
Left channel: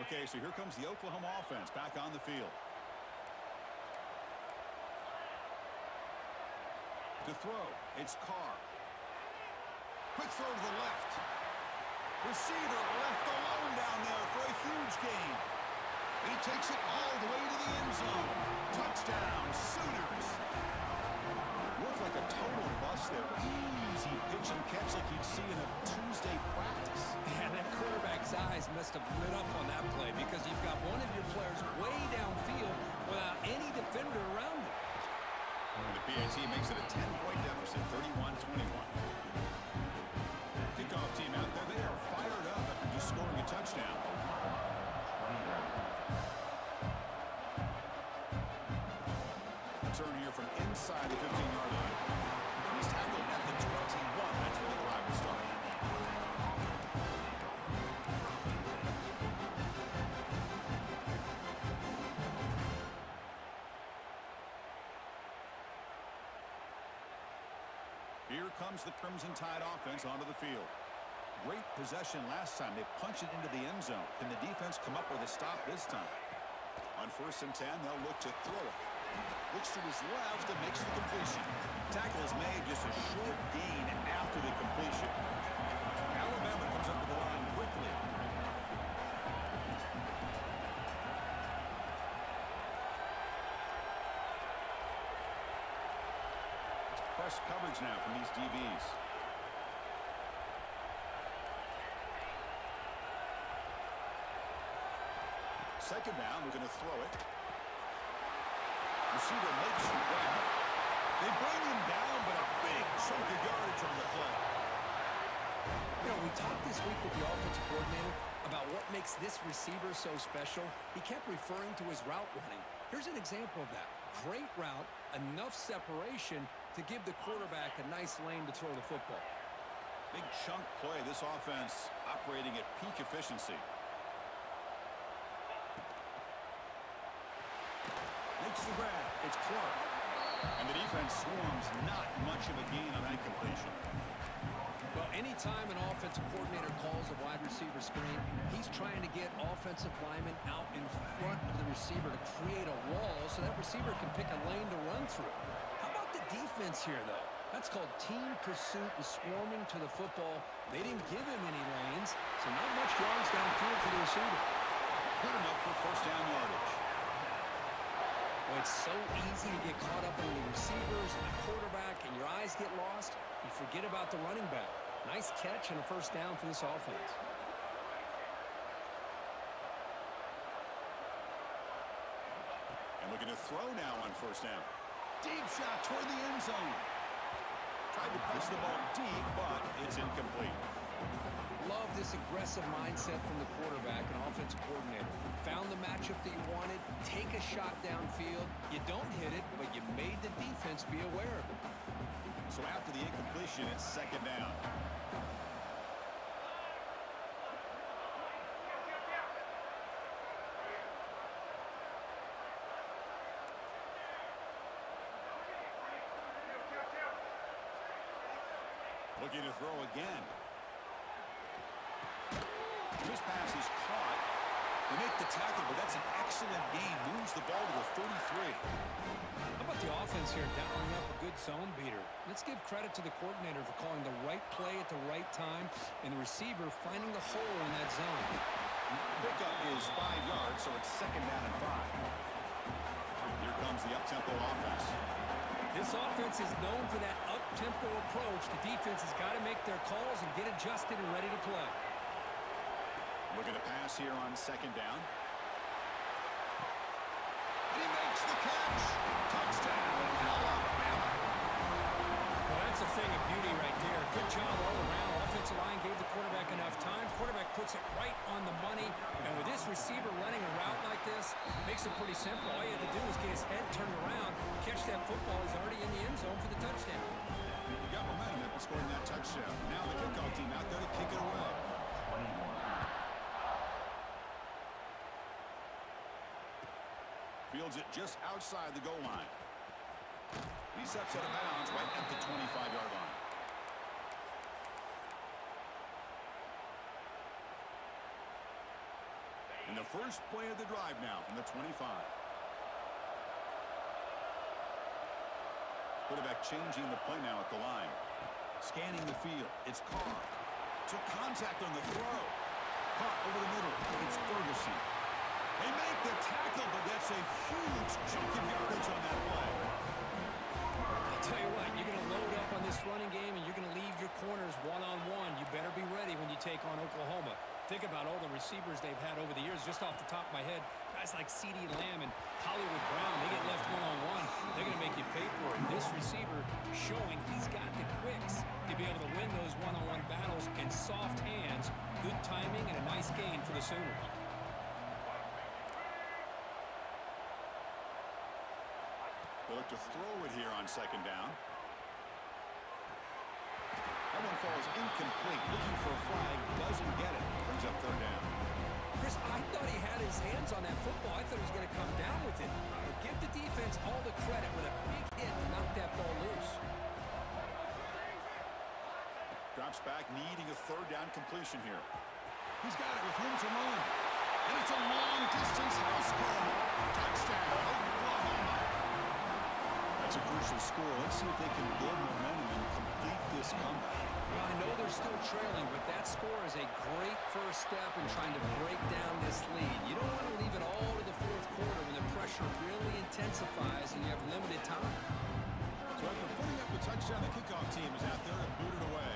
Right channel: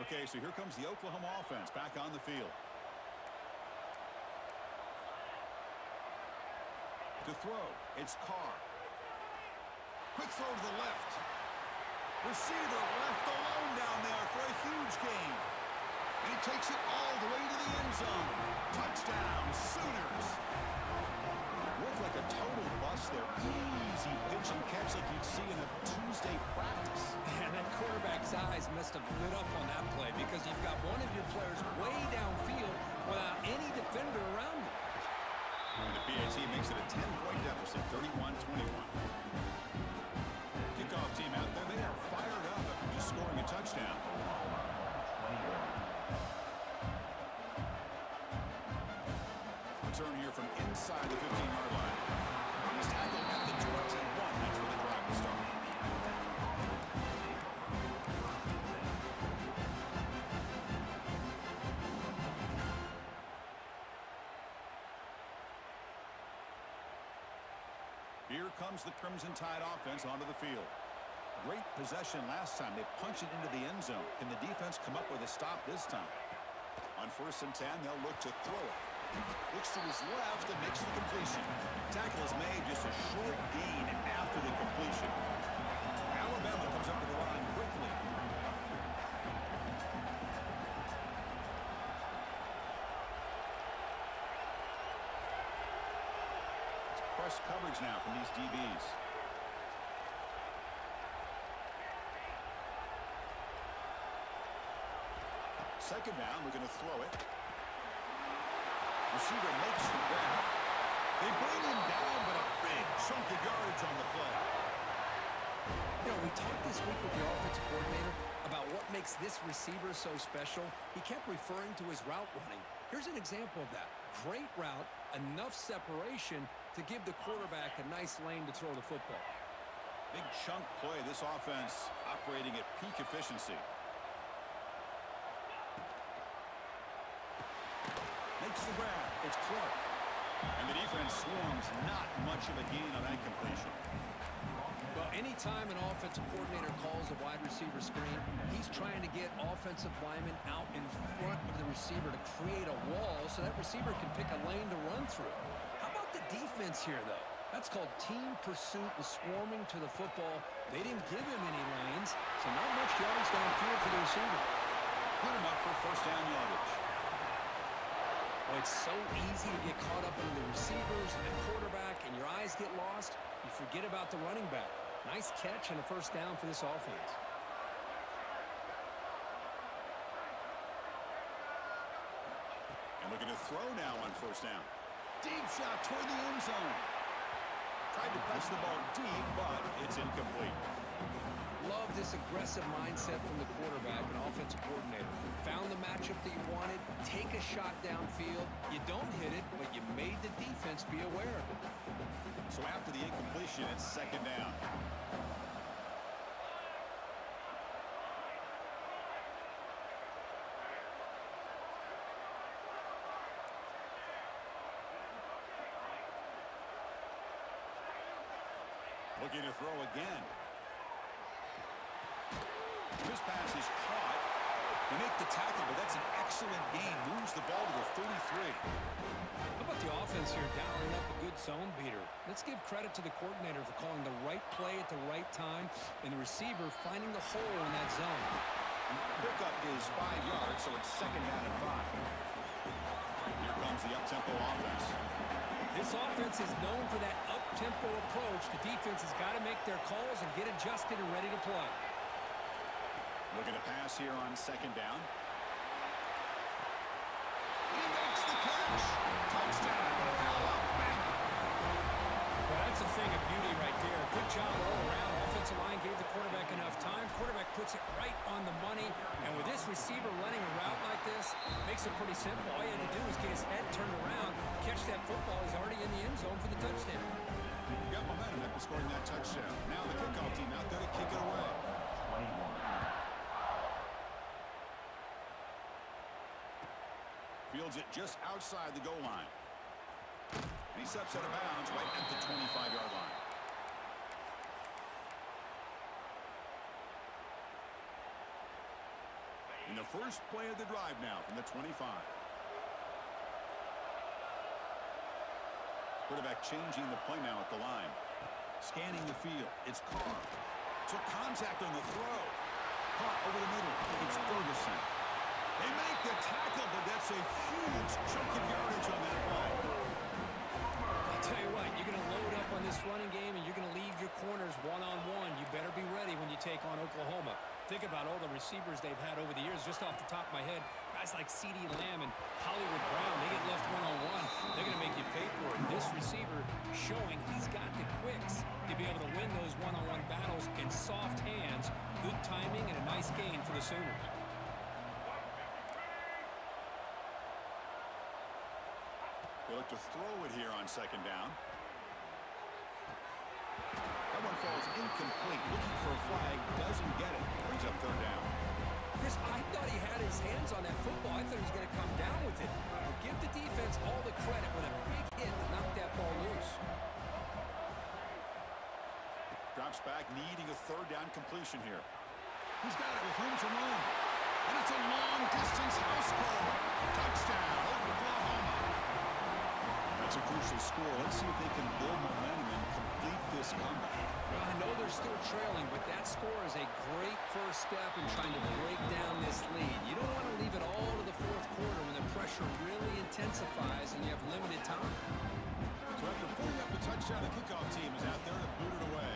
Okay, so here comes the Oklahoma offense back on the field. To throw, it's Carr. Quick throw to the left. Receiver left alone down there for a huge gain. And he takes it all the way to the end zone. Touchdown, Sooners. Looked like a total bust there. Easy pitch and catch like you'd see in a Tuesday practice. And that quarterback's eyes must have lit up on that play because you've got one of your players way downfield without any defender around him. And the PAT makes it a 10-point deficit, 31-21. Kickoff team out there, they are fired up after just scoring a touchdown. Return here from inside the 15-yard line. He's tackled at the 21. That's where the drive will start. Here comes the Crimson Tide offense onto the field. Great possession last time. They punch it into the end zone. Can the defense come up with a stop this time? On 1st and 10, they'll look to throw it. Looks to his left and makes the completion. Tackle is made, just a short gain after the completion. Alabama comes up to the line quickly. It's press coverage now from these DBs. Second down, looking to throw it. Receiver makes the grab. They bring him down, but a big chunk of yardage on the play. You know, we talked this week with the offensive coordinator about what makes this receiver so special. He kept referring to his route running. Here's an example of that. Great route, enough separation to give the quarterback a nice lane to throw the football. Big chunk play. This offense operating at peak efficiency. Makes the grab. It's Clark. And the defense swarms. Not much of a gain on that completion. Well, anytime an offensive coordinator calls a wide receiver screen, he's trying to get offensive linemen out in front of the receiver to create a wall so that receiver can pick a lane to run through. How about the defense here, though? That's called team pursuit and swarming to the football. They didn't give him any lanes, so not much yards downfield for the receiver. Good enough for first down yardage. Well, it's so easy to get caught up in the receivers and the quarterback, and your eyes get lost. You forget about the running back. Nice catch and a first down for this offense. And looking to throw now on first down. Deep shot toward the end zone. Tried to press the ball deep, but it's incomplete. Love this aggressive mindset from the quarterback and offensive coordinator. Found the matchup that you wanted, take a shot downfield. You don't hit it, but you made the defense be aware of it. So after the incompletion, it's second down. Looking to throw again. This pass is caught. They make the tackle, but that's an excellent gain. Moves the ball to the 33. How about the offense here dialing up a good zone beater? Let's give credit to the coordinator for calling the right play at the right time and the receiver finding the hole in that zone. Pickup is 5 yards, so it's second down and 5. Here comes the up-tempo offense. This offense is known for that up-tempo approach. The defense has got to make their calls and get adjusted and ready to play. Looking to pass here on second down. He makes the catch. Touchdown, Alabama. Well, that's a thing of beauty right there. Good job all around. Offensive line gave the quarterback enough time. Quarterback puts it right on the money. And with this receiver running a route like this, makes it pretty simple. All you had to do was get his head turned around, catch that football. He's already in the end zone for the touchdown. You got momentum after scoring that touchdown. Now the kickoff team out there to kick it away. 21. Fields it just outside the goal line. And he steps out of bounds right at the 25-yard line. In the first play of the drive now from the 25. Quarterback changing the play now at the line. Scanning the field. It's Carr. Took contact on the throw. Caught over the middle. It's Ferguson. They make the tackle, but that's a huge chunk of yardage on that play. I'll tell you what, you're going to load up on this running game and you're going to leave your corners one-on-one. You better be ready when you take on Oklahoma. Think about all the receivers they've had over the years. Just off the top of my head, guys like CeeDee Lamb and Hollywood Brown, they get left one-on-one. They're going to make you pay for it. This receiver showing he's got the quicks to be able to win those one-on-one battles in soft hands. Good timing and a nice gain for the Sooners. They look to throw it here on second down. That one falls incomplete. Looking for a flag. Doesn't get it. Brings up third down. Chris, I thought he had his hands on that football. I thought he was going to come down with it. But give the defense all the credit with a big hit to knock that ball loose. Drops back, needing a third down completion here. He's got it with room to run. And it's a long-distance house call. Touchdown, Oklahoma. That's a crucial score. Let's see if they can build momentum and complete this comeback. Well, I know they're still trailing, but that score is a great first step in trying to break down this lead. You don't want to leave it all to the fourth quarter when the pressure really intensifies and you have limited time. So after putting up the touchdown, the kickoff team is out there to boot it away.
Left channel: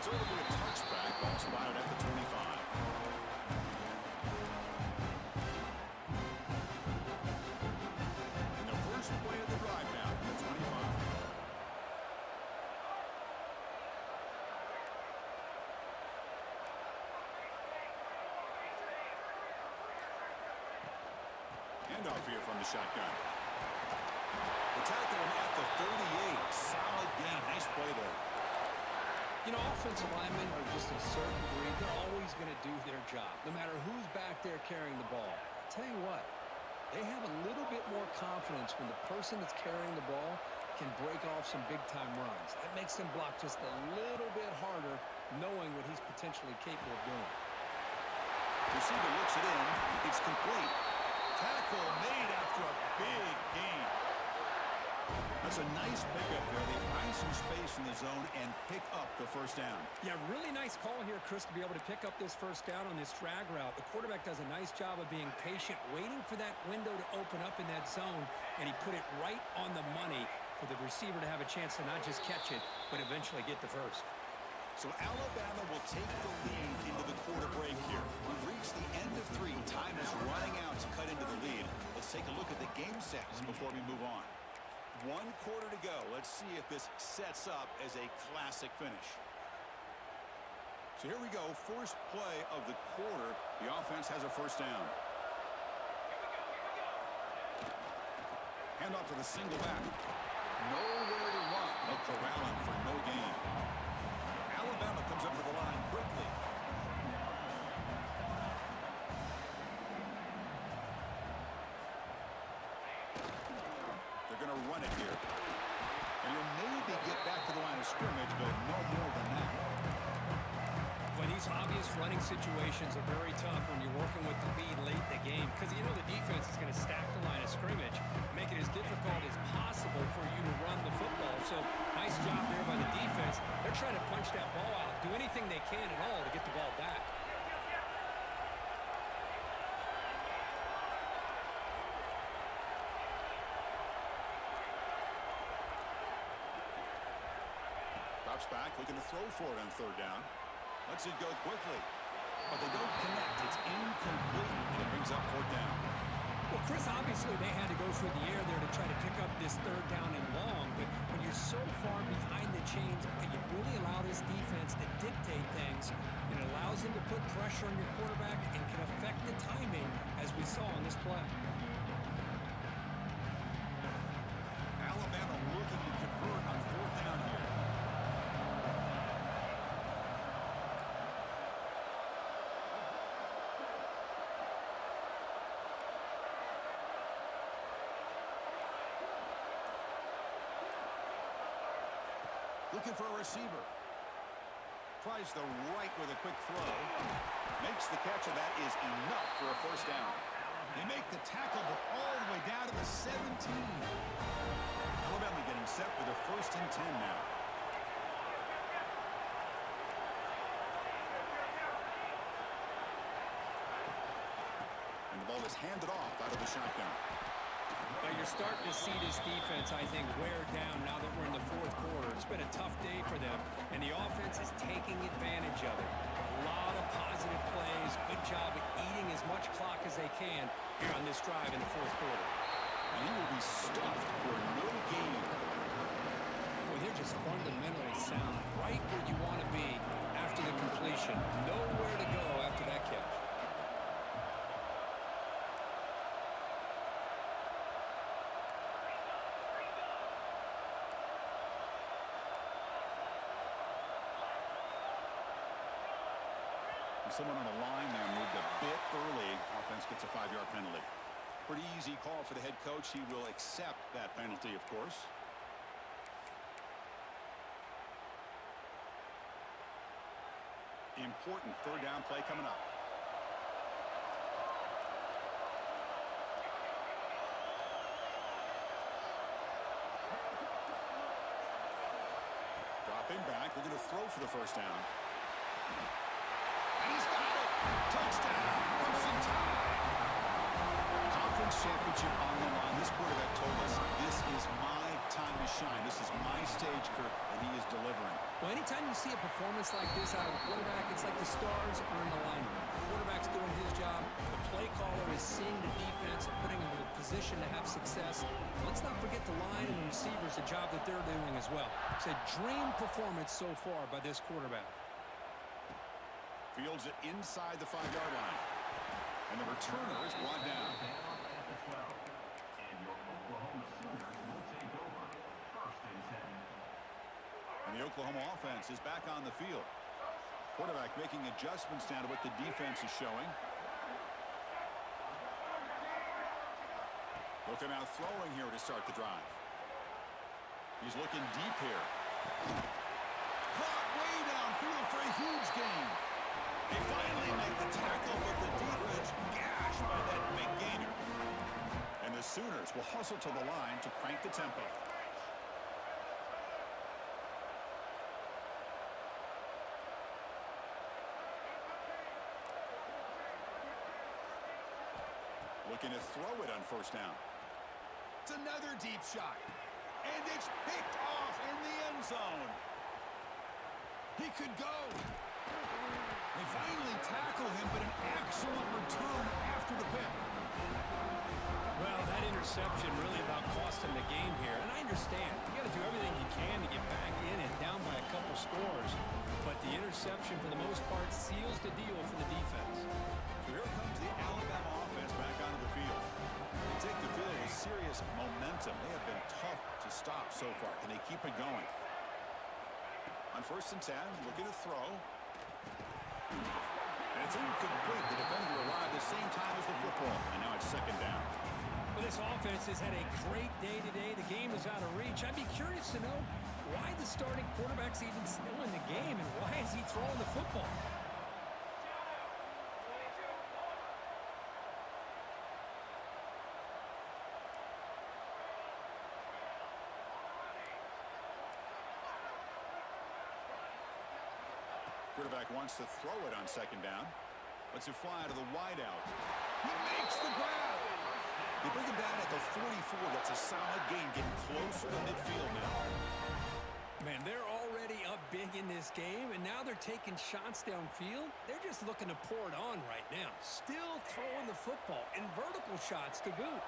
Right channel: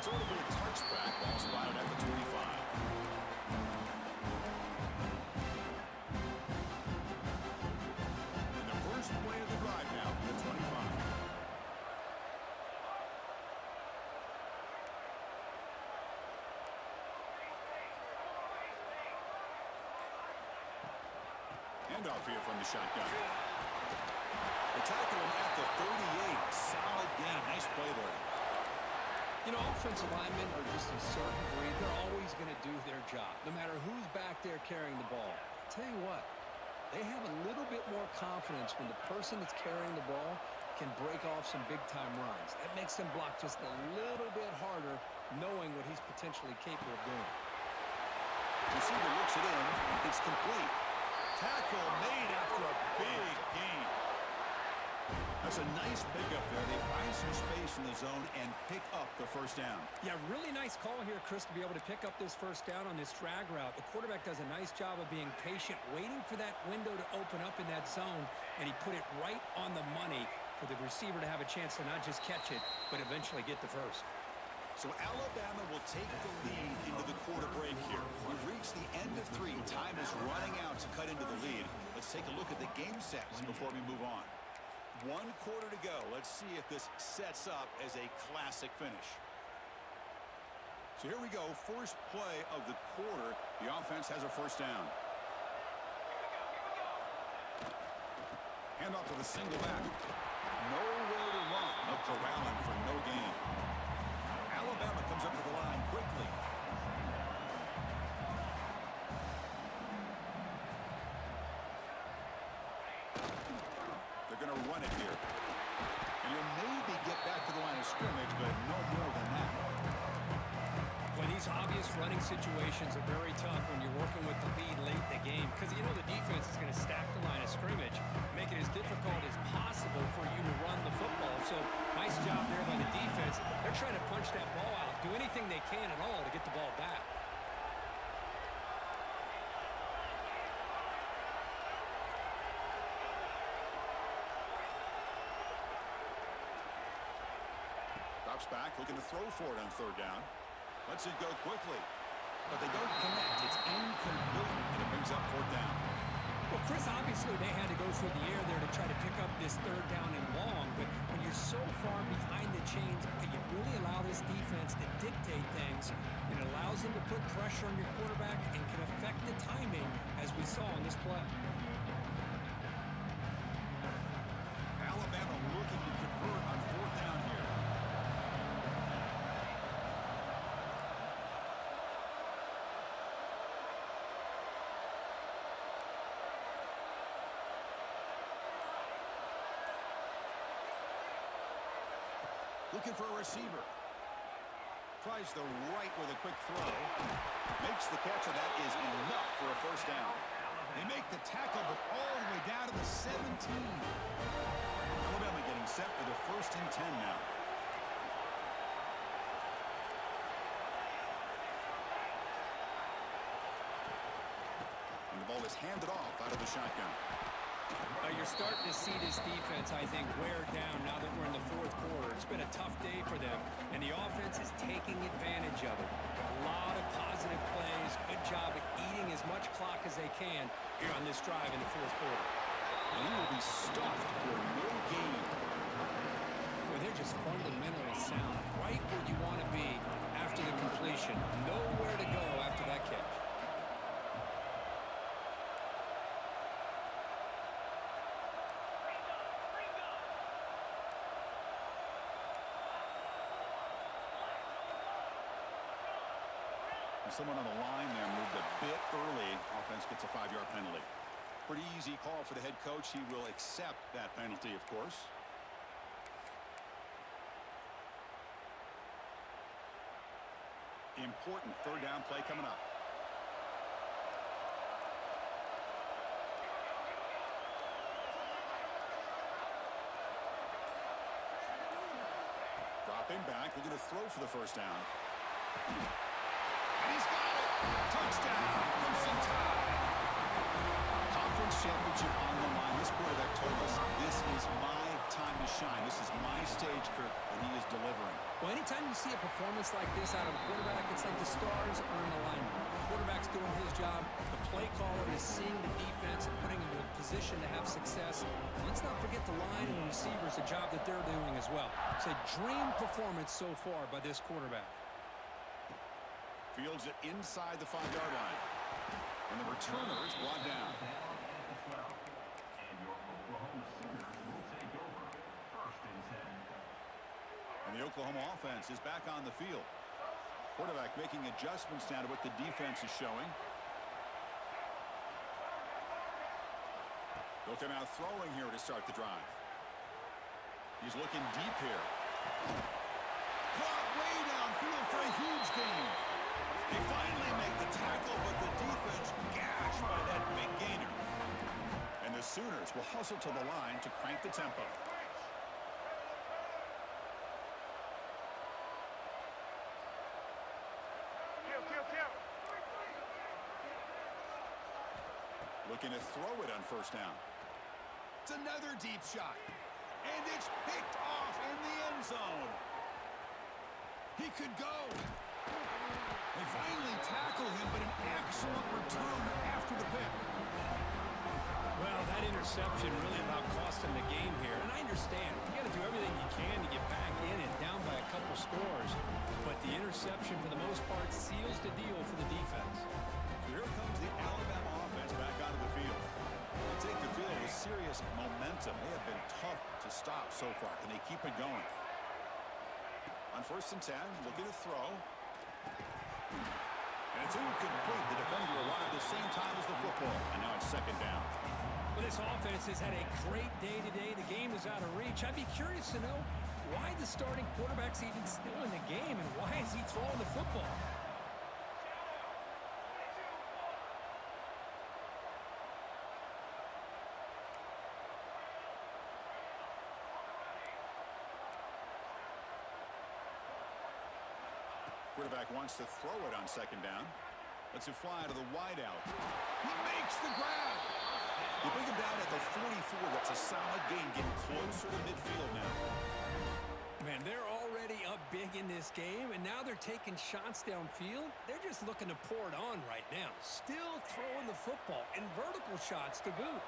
So it'll be a touchback. Ball spotted at the 25. First play of the drive now from the 25. Handoff here from the shotgun. The tackle him at the 38. Solid gain. Nice play there. You know, offensive linemen are just a certain breed. They're always going to do their job, no matter who's back there carrying the ball. I'll tell you what. They have a little bit more confidence when the person that's carrying the ball can break off some big-time runs. That makes them block just a little bit harder, knowing what he's potentially capable of doing. Receiver looks it in. It's complete. Tackle made after a big gain. That's a nice pickup there. They find some space in the zone and pick up the first down. Yeah, really nice call here, Chris, to be able to pick up this first down on this drag route. The quarterback does a nice job of being patient, waiting for that window to open up in that zone, and he put it right on the money for the receiver to have a chance to not just catch it, but eventually get the first. So Alabama will take the lead into the quarter break here. We've reached the end of 3. Time is running out to cut into the lead. Let's take a look at the game sets before we move on. 1 quarter to go. Let's see if this sets up as a classic finish. So here we go. First play of the quarter. The offense has a first down. Hand off to the single back. Nowhere to run. They'll corral him for no gain. Alabama comes up to the line quickly. They're going to run it here. And he'll maybe get back to the line of scrimmage, but no more than that. Well, these obvious running situations are very tough when you're working with the lead late in the game because you know the defense is going to stack the line of scrimmage, make it as difficult as possible for you to run the football. So nice job there by the defense. They're trying to punch that ball out, do anything they can at all to get the ball back. Drops back, looking to throw for it on third down. Lets it go quickly, but they don't connect. It's incomplete, and it brings up fourth down. Well, Chris, obviously they had to go through the air there to try to pick up this third down and long, but when you're so far behind the chains, you really allow this defense to dictate things, and it allows them to put pressure on your quarterback and can affect the timing, as we saw on this play. Alabama looking to convert on fourth down here. Looking for a receiver. Tries the right with a quick throw. Makes the catch, and that is enough for a first down. They make the tackle, but all the way down to the 17. Alabama getting set with a 1st and 10 now. And the ball is handed off out of the shotgun. Now you're starting to see this defense, I think, wear down now that we're in the 4th quarter. It's been a tough day for them, and the offense is taking advantage of it. A lot of positive plays. Good job at eating as much clock as they can here on this drive in the 4th quarter. And he will be stuffed for no gain. Well, they're just fundamentally sound, right where you want to be after the completion. Nowhere to go after that catch. Someone on the line there moved a bit early. Offense gets a 5-yard penalty. Pretty easy call for the head coach. He will accept that penalty, of course. Important third down play coming up. Dropping back, looking to throw for the first down. And he's got it. Touchdown. Crimson Tide. Conference championship on the line. This quarterback told us, this is my time to shine. This is my stage, Kirk, and he is delivering. Well, anytime you see a performance like this out of a quarterback, it's like the stars are in alignment. The quarterback's doing his job. The play caller is seeing the defense and putting him in a position to have success. Let's not forget the line and the receivers, the job that they're doing as well. It's a dream performance so far by this quarterback. Fields it inside the 5-yard line. And the returner is brought down. And the Oklahoma offense is back on the field. Quarterback making adjustments down to what the defense is showing. Look at now throwing here to start the drive. He's looking deep here. Caught way downfield for a huge gain. They finally make the tackle, but the defense gashed by that big gainer. And the Sooners will hustle to the line to crank the tempo. Looking to throw it on first down. It's another deep shot. And it's picked off in the end zone. He could go. They finally tackle him, but an excellent return after the pick. Well, that interception really about cost him the game here. And I understand. You got to do everything you can to get back in and down by a couple scores. But the interception, for the most part, seals the deal for the defense. So here comes the Alabama offense back onto the field. They take the field with serious momentum. They have been tough to stop so far. Can they keep it going? On 1st and 10, looking to throw. And it's incomplete. The defender arrived the same time as the football. And now it's 2nd down. Well, this offense has had a great day today. The game is out of reach. I'd be curious to know why the starting quarterback's even still in the game and why is he throwing the football? Quarterback wants to throw it on 2nd down. Lets it fly to the wideout. He makes the grab. They bring him down at the 44. That's a solid gain, getting closer to midfield now. Man, they're already up big in this game, and now they're taking shots downfield. They're just looking to pour it on right now. Still throwing the football, and vertical shots to boot.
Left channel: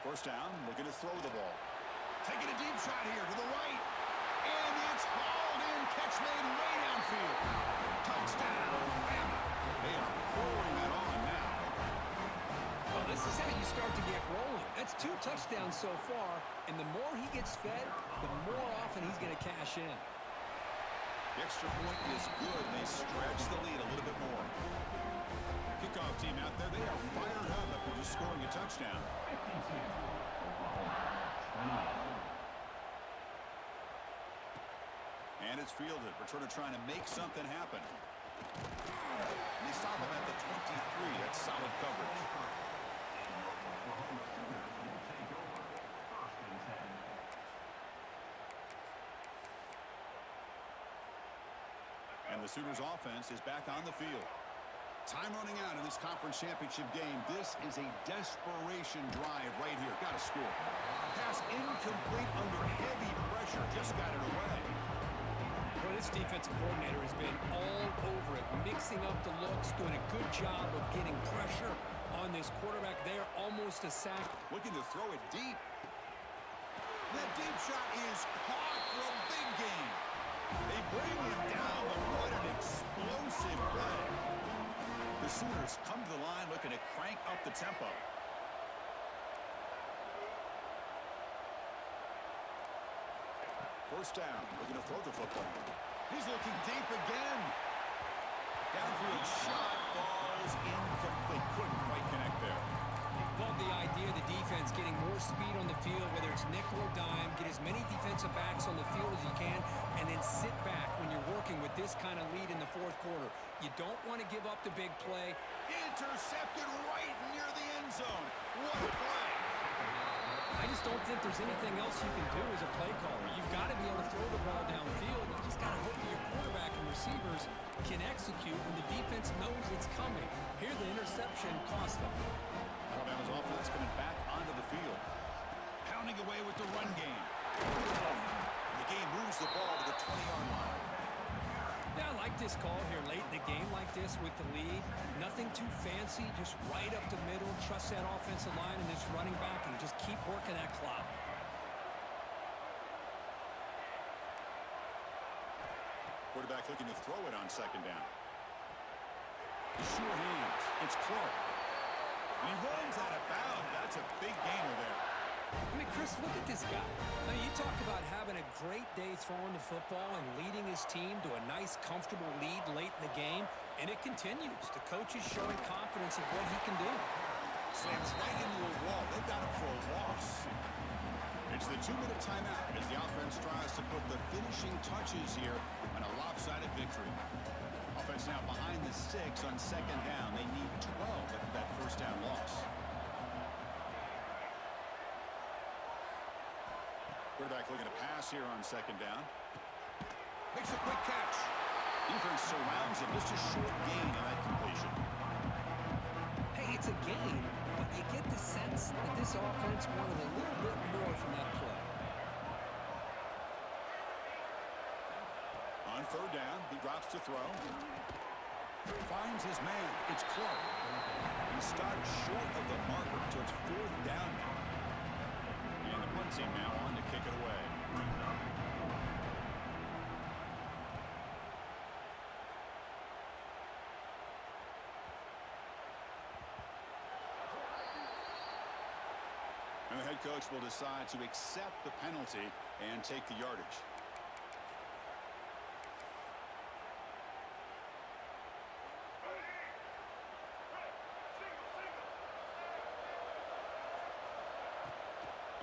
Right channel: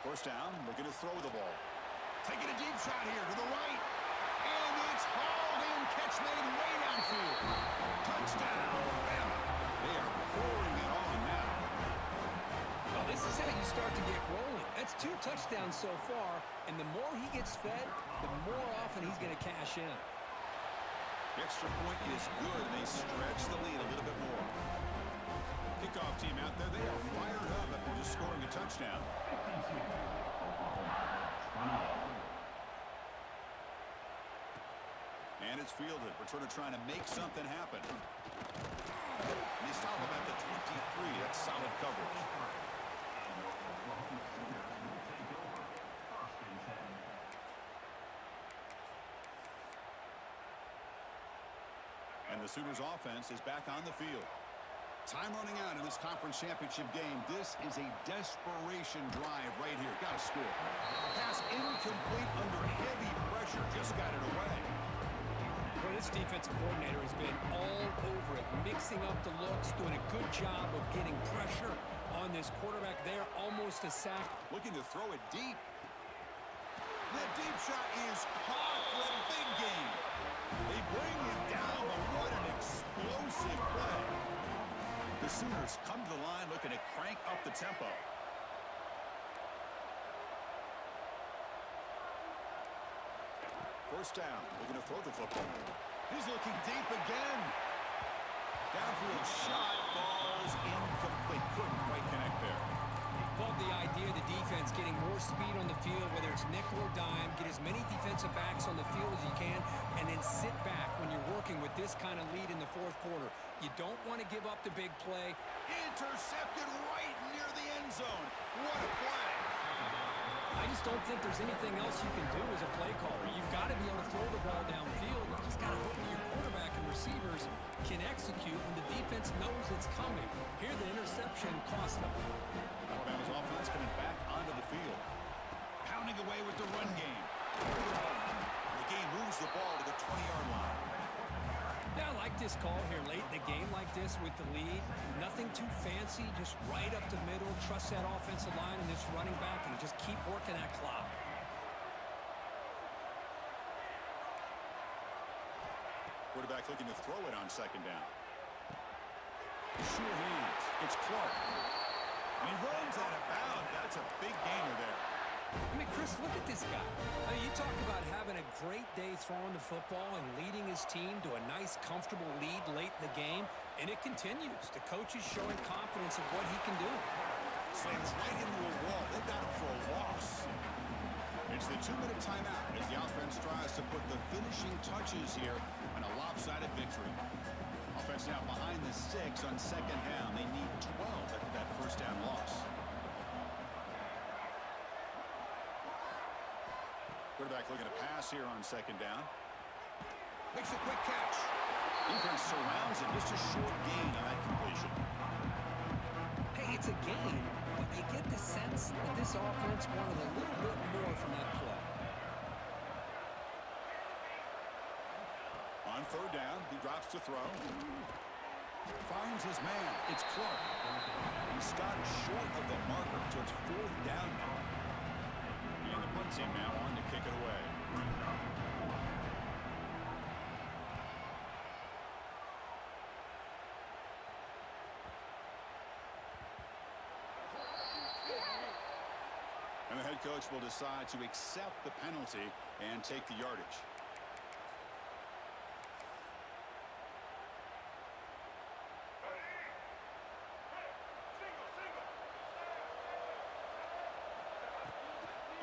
1st down, looking to throw the ball. Taking a deep shot here to the right. And it's hauled in, catch made way downfield. Touchdown, Bama. They are pouring it on now. Well, this is how you start to get rolling. That's 2 touchdowns so far, and the more he gets fed, the more often he's going to cash in. The extra point is good, and they stretch the lead a little bit more. Kickoff team out there, they are fired up after just scoring a touchdown. And it's fielded. Returner trying to make something happen. And they stop him at the 23. That's solid coverage. And the Sooners offense is back on the field. Time running out in this conference championship game. This is a desperation drive right here. Got to score. Pass incomplete under heavy pressure. Just got it away. Well, this defensive coordinator has been all over it, mixing up the looks, doing a good job of getting pressure on this quarterback there. Almost a sack. Looking to throw it deep. That deep shot is caught for a big gain. They bring him down, but what an explosive play. The Sooners come to the line looking to crank up the tempo. First down, looking to throw the football. He's looking deep again. Downfield shot falls incomplete. Couldn't quite connect there. Love the idea of the defense getting more speed on the field, whether it's nickel or dime, get as many defensive backs on the field as you can, and then sit back when you're working with this kind of lead in the 4th quarter. You don't want to give up the big play. Intercepted right near the end zone. What a play. I just don't think there's anything else you can do as a play caller. You've got to be able to throw the ball downfield. You just got to hope that your quarterback and receivers can execute when the defense knows it's coming. Here, the interception cost them. Alabama's offense coming back onto the field. Pounding away with the run game. The game moves the ball to the 20-yard line. Yeah, I like this call here late in the game like this with the lead. Nothing too fancy, just right up the middle. Trust that offensive line and this running back and just keep working that clock. Quarterback looking to throw it on 2nd down. Sure hands. It's Clark. And he runs out of bounds. That's a big gainer there. I mean, Chris, look at this guy. I mean, you talk about having a great day throwing the football and leading his team to a nice, comfortable lead late in the game, and it continues. The coach is showing confidence of what he can do. Slams right into a wall. They've got him for a loss. It's the 2-minute timeout as the offense tries to put the finishing touches here on a lopsided victory. Offense now behind the 6 on 2nd down. They need 12 after that 1st down loss. Quarterback looking to pass here on 2nd down. Makes a quick catch. Defense surrounds him. Just a short gain on that completion. Hey, it's a gain, but you get the sense that this offense wanted a little bit more from that play. On third down, he drops to throw. Finds his man. It's Clark. He stopped short of the marker, so it's fourth down now. And the punt team now on to kick it away. And the head coach will decide to accept the penalty and take the yardage.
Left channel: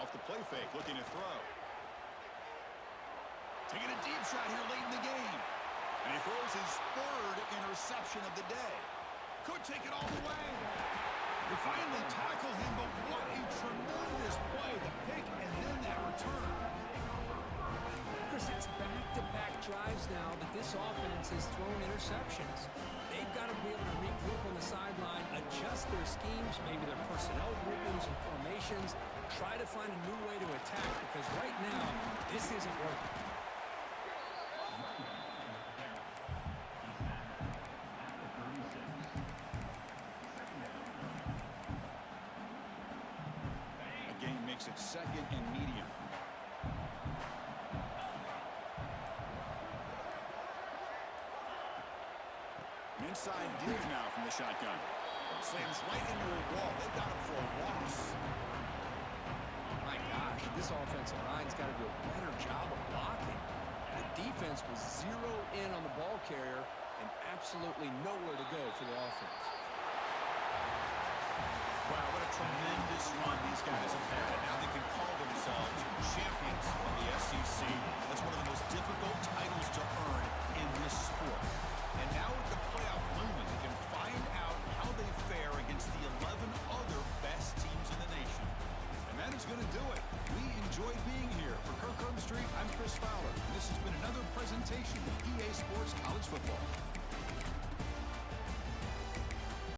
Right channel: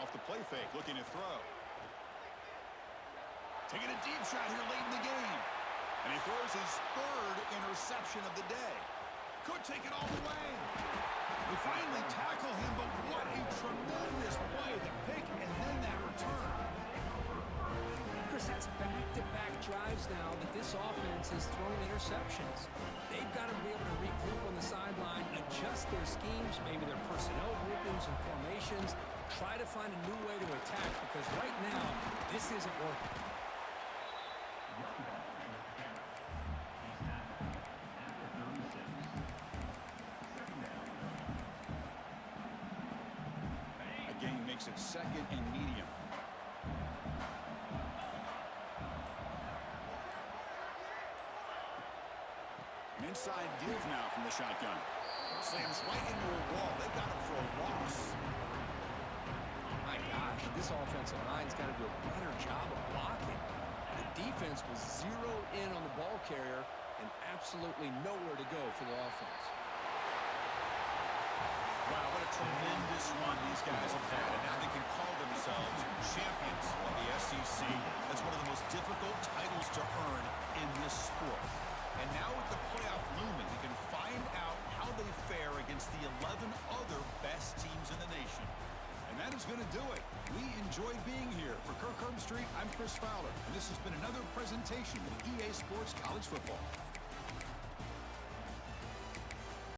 Off the play fake, looking to throw. Taking a deep shot here late in the game. And he throws his third interception of the day. Could take it all the way. They finally tackle him, but what a tremendous play. The pick and then that return. Chris, it's back-to-back drives now that this offense has thrown interceptions. They've got to be able to regroup on the sideline, adjust their schemes, maybe their personnel groupings and formations, try to find a new way to attack, because right now, this isn't working. Again, makes it second and medium. An inside deals now from the shotgun. Slams right into a wall. They've got him for a loss. My gosh, this offensive line's got to do a better job of blocking. The defense was zeroed in on the ball carrier and absolutely nowhere to go for the offense. Wow, what a tremendous run these guys have had, and now they can call themselves champions of the SEC. That's one of the most difficult titles to earn in this sport. And now with the playoff looming, they can find out how they fare against the 11 other best teams in the nation. And that is going to do it. We enjoyed being here. For Kirk Herbstreit, I'm Chris Fowler, and this has been another presentation of EA Sports College Football.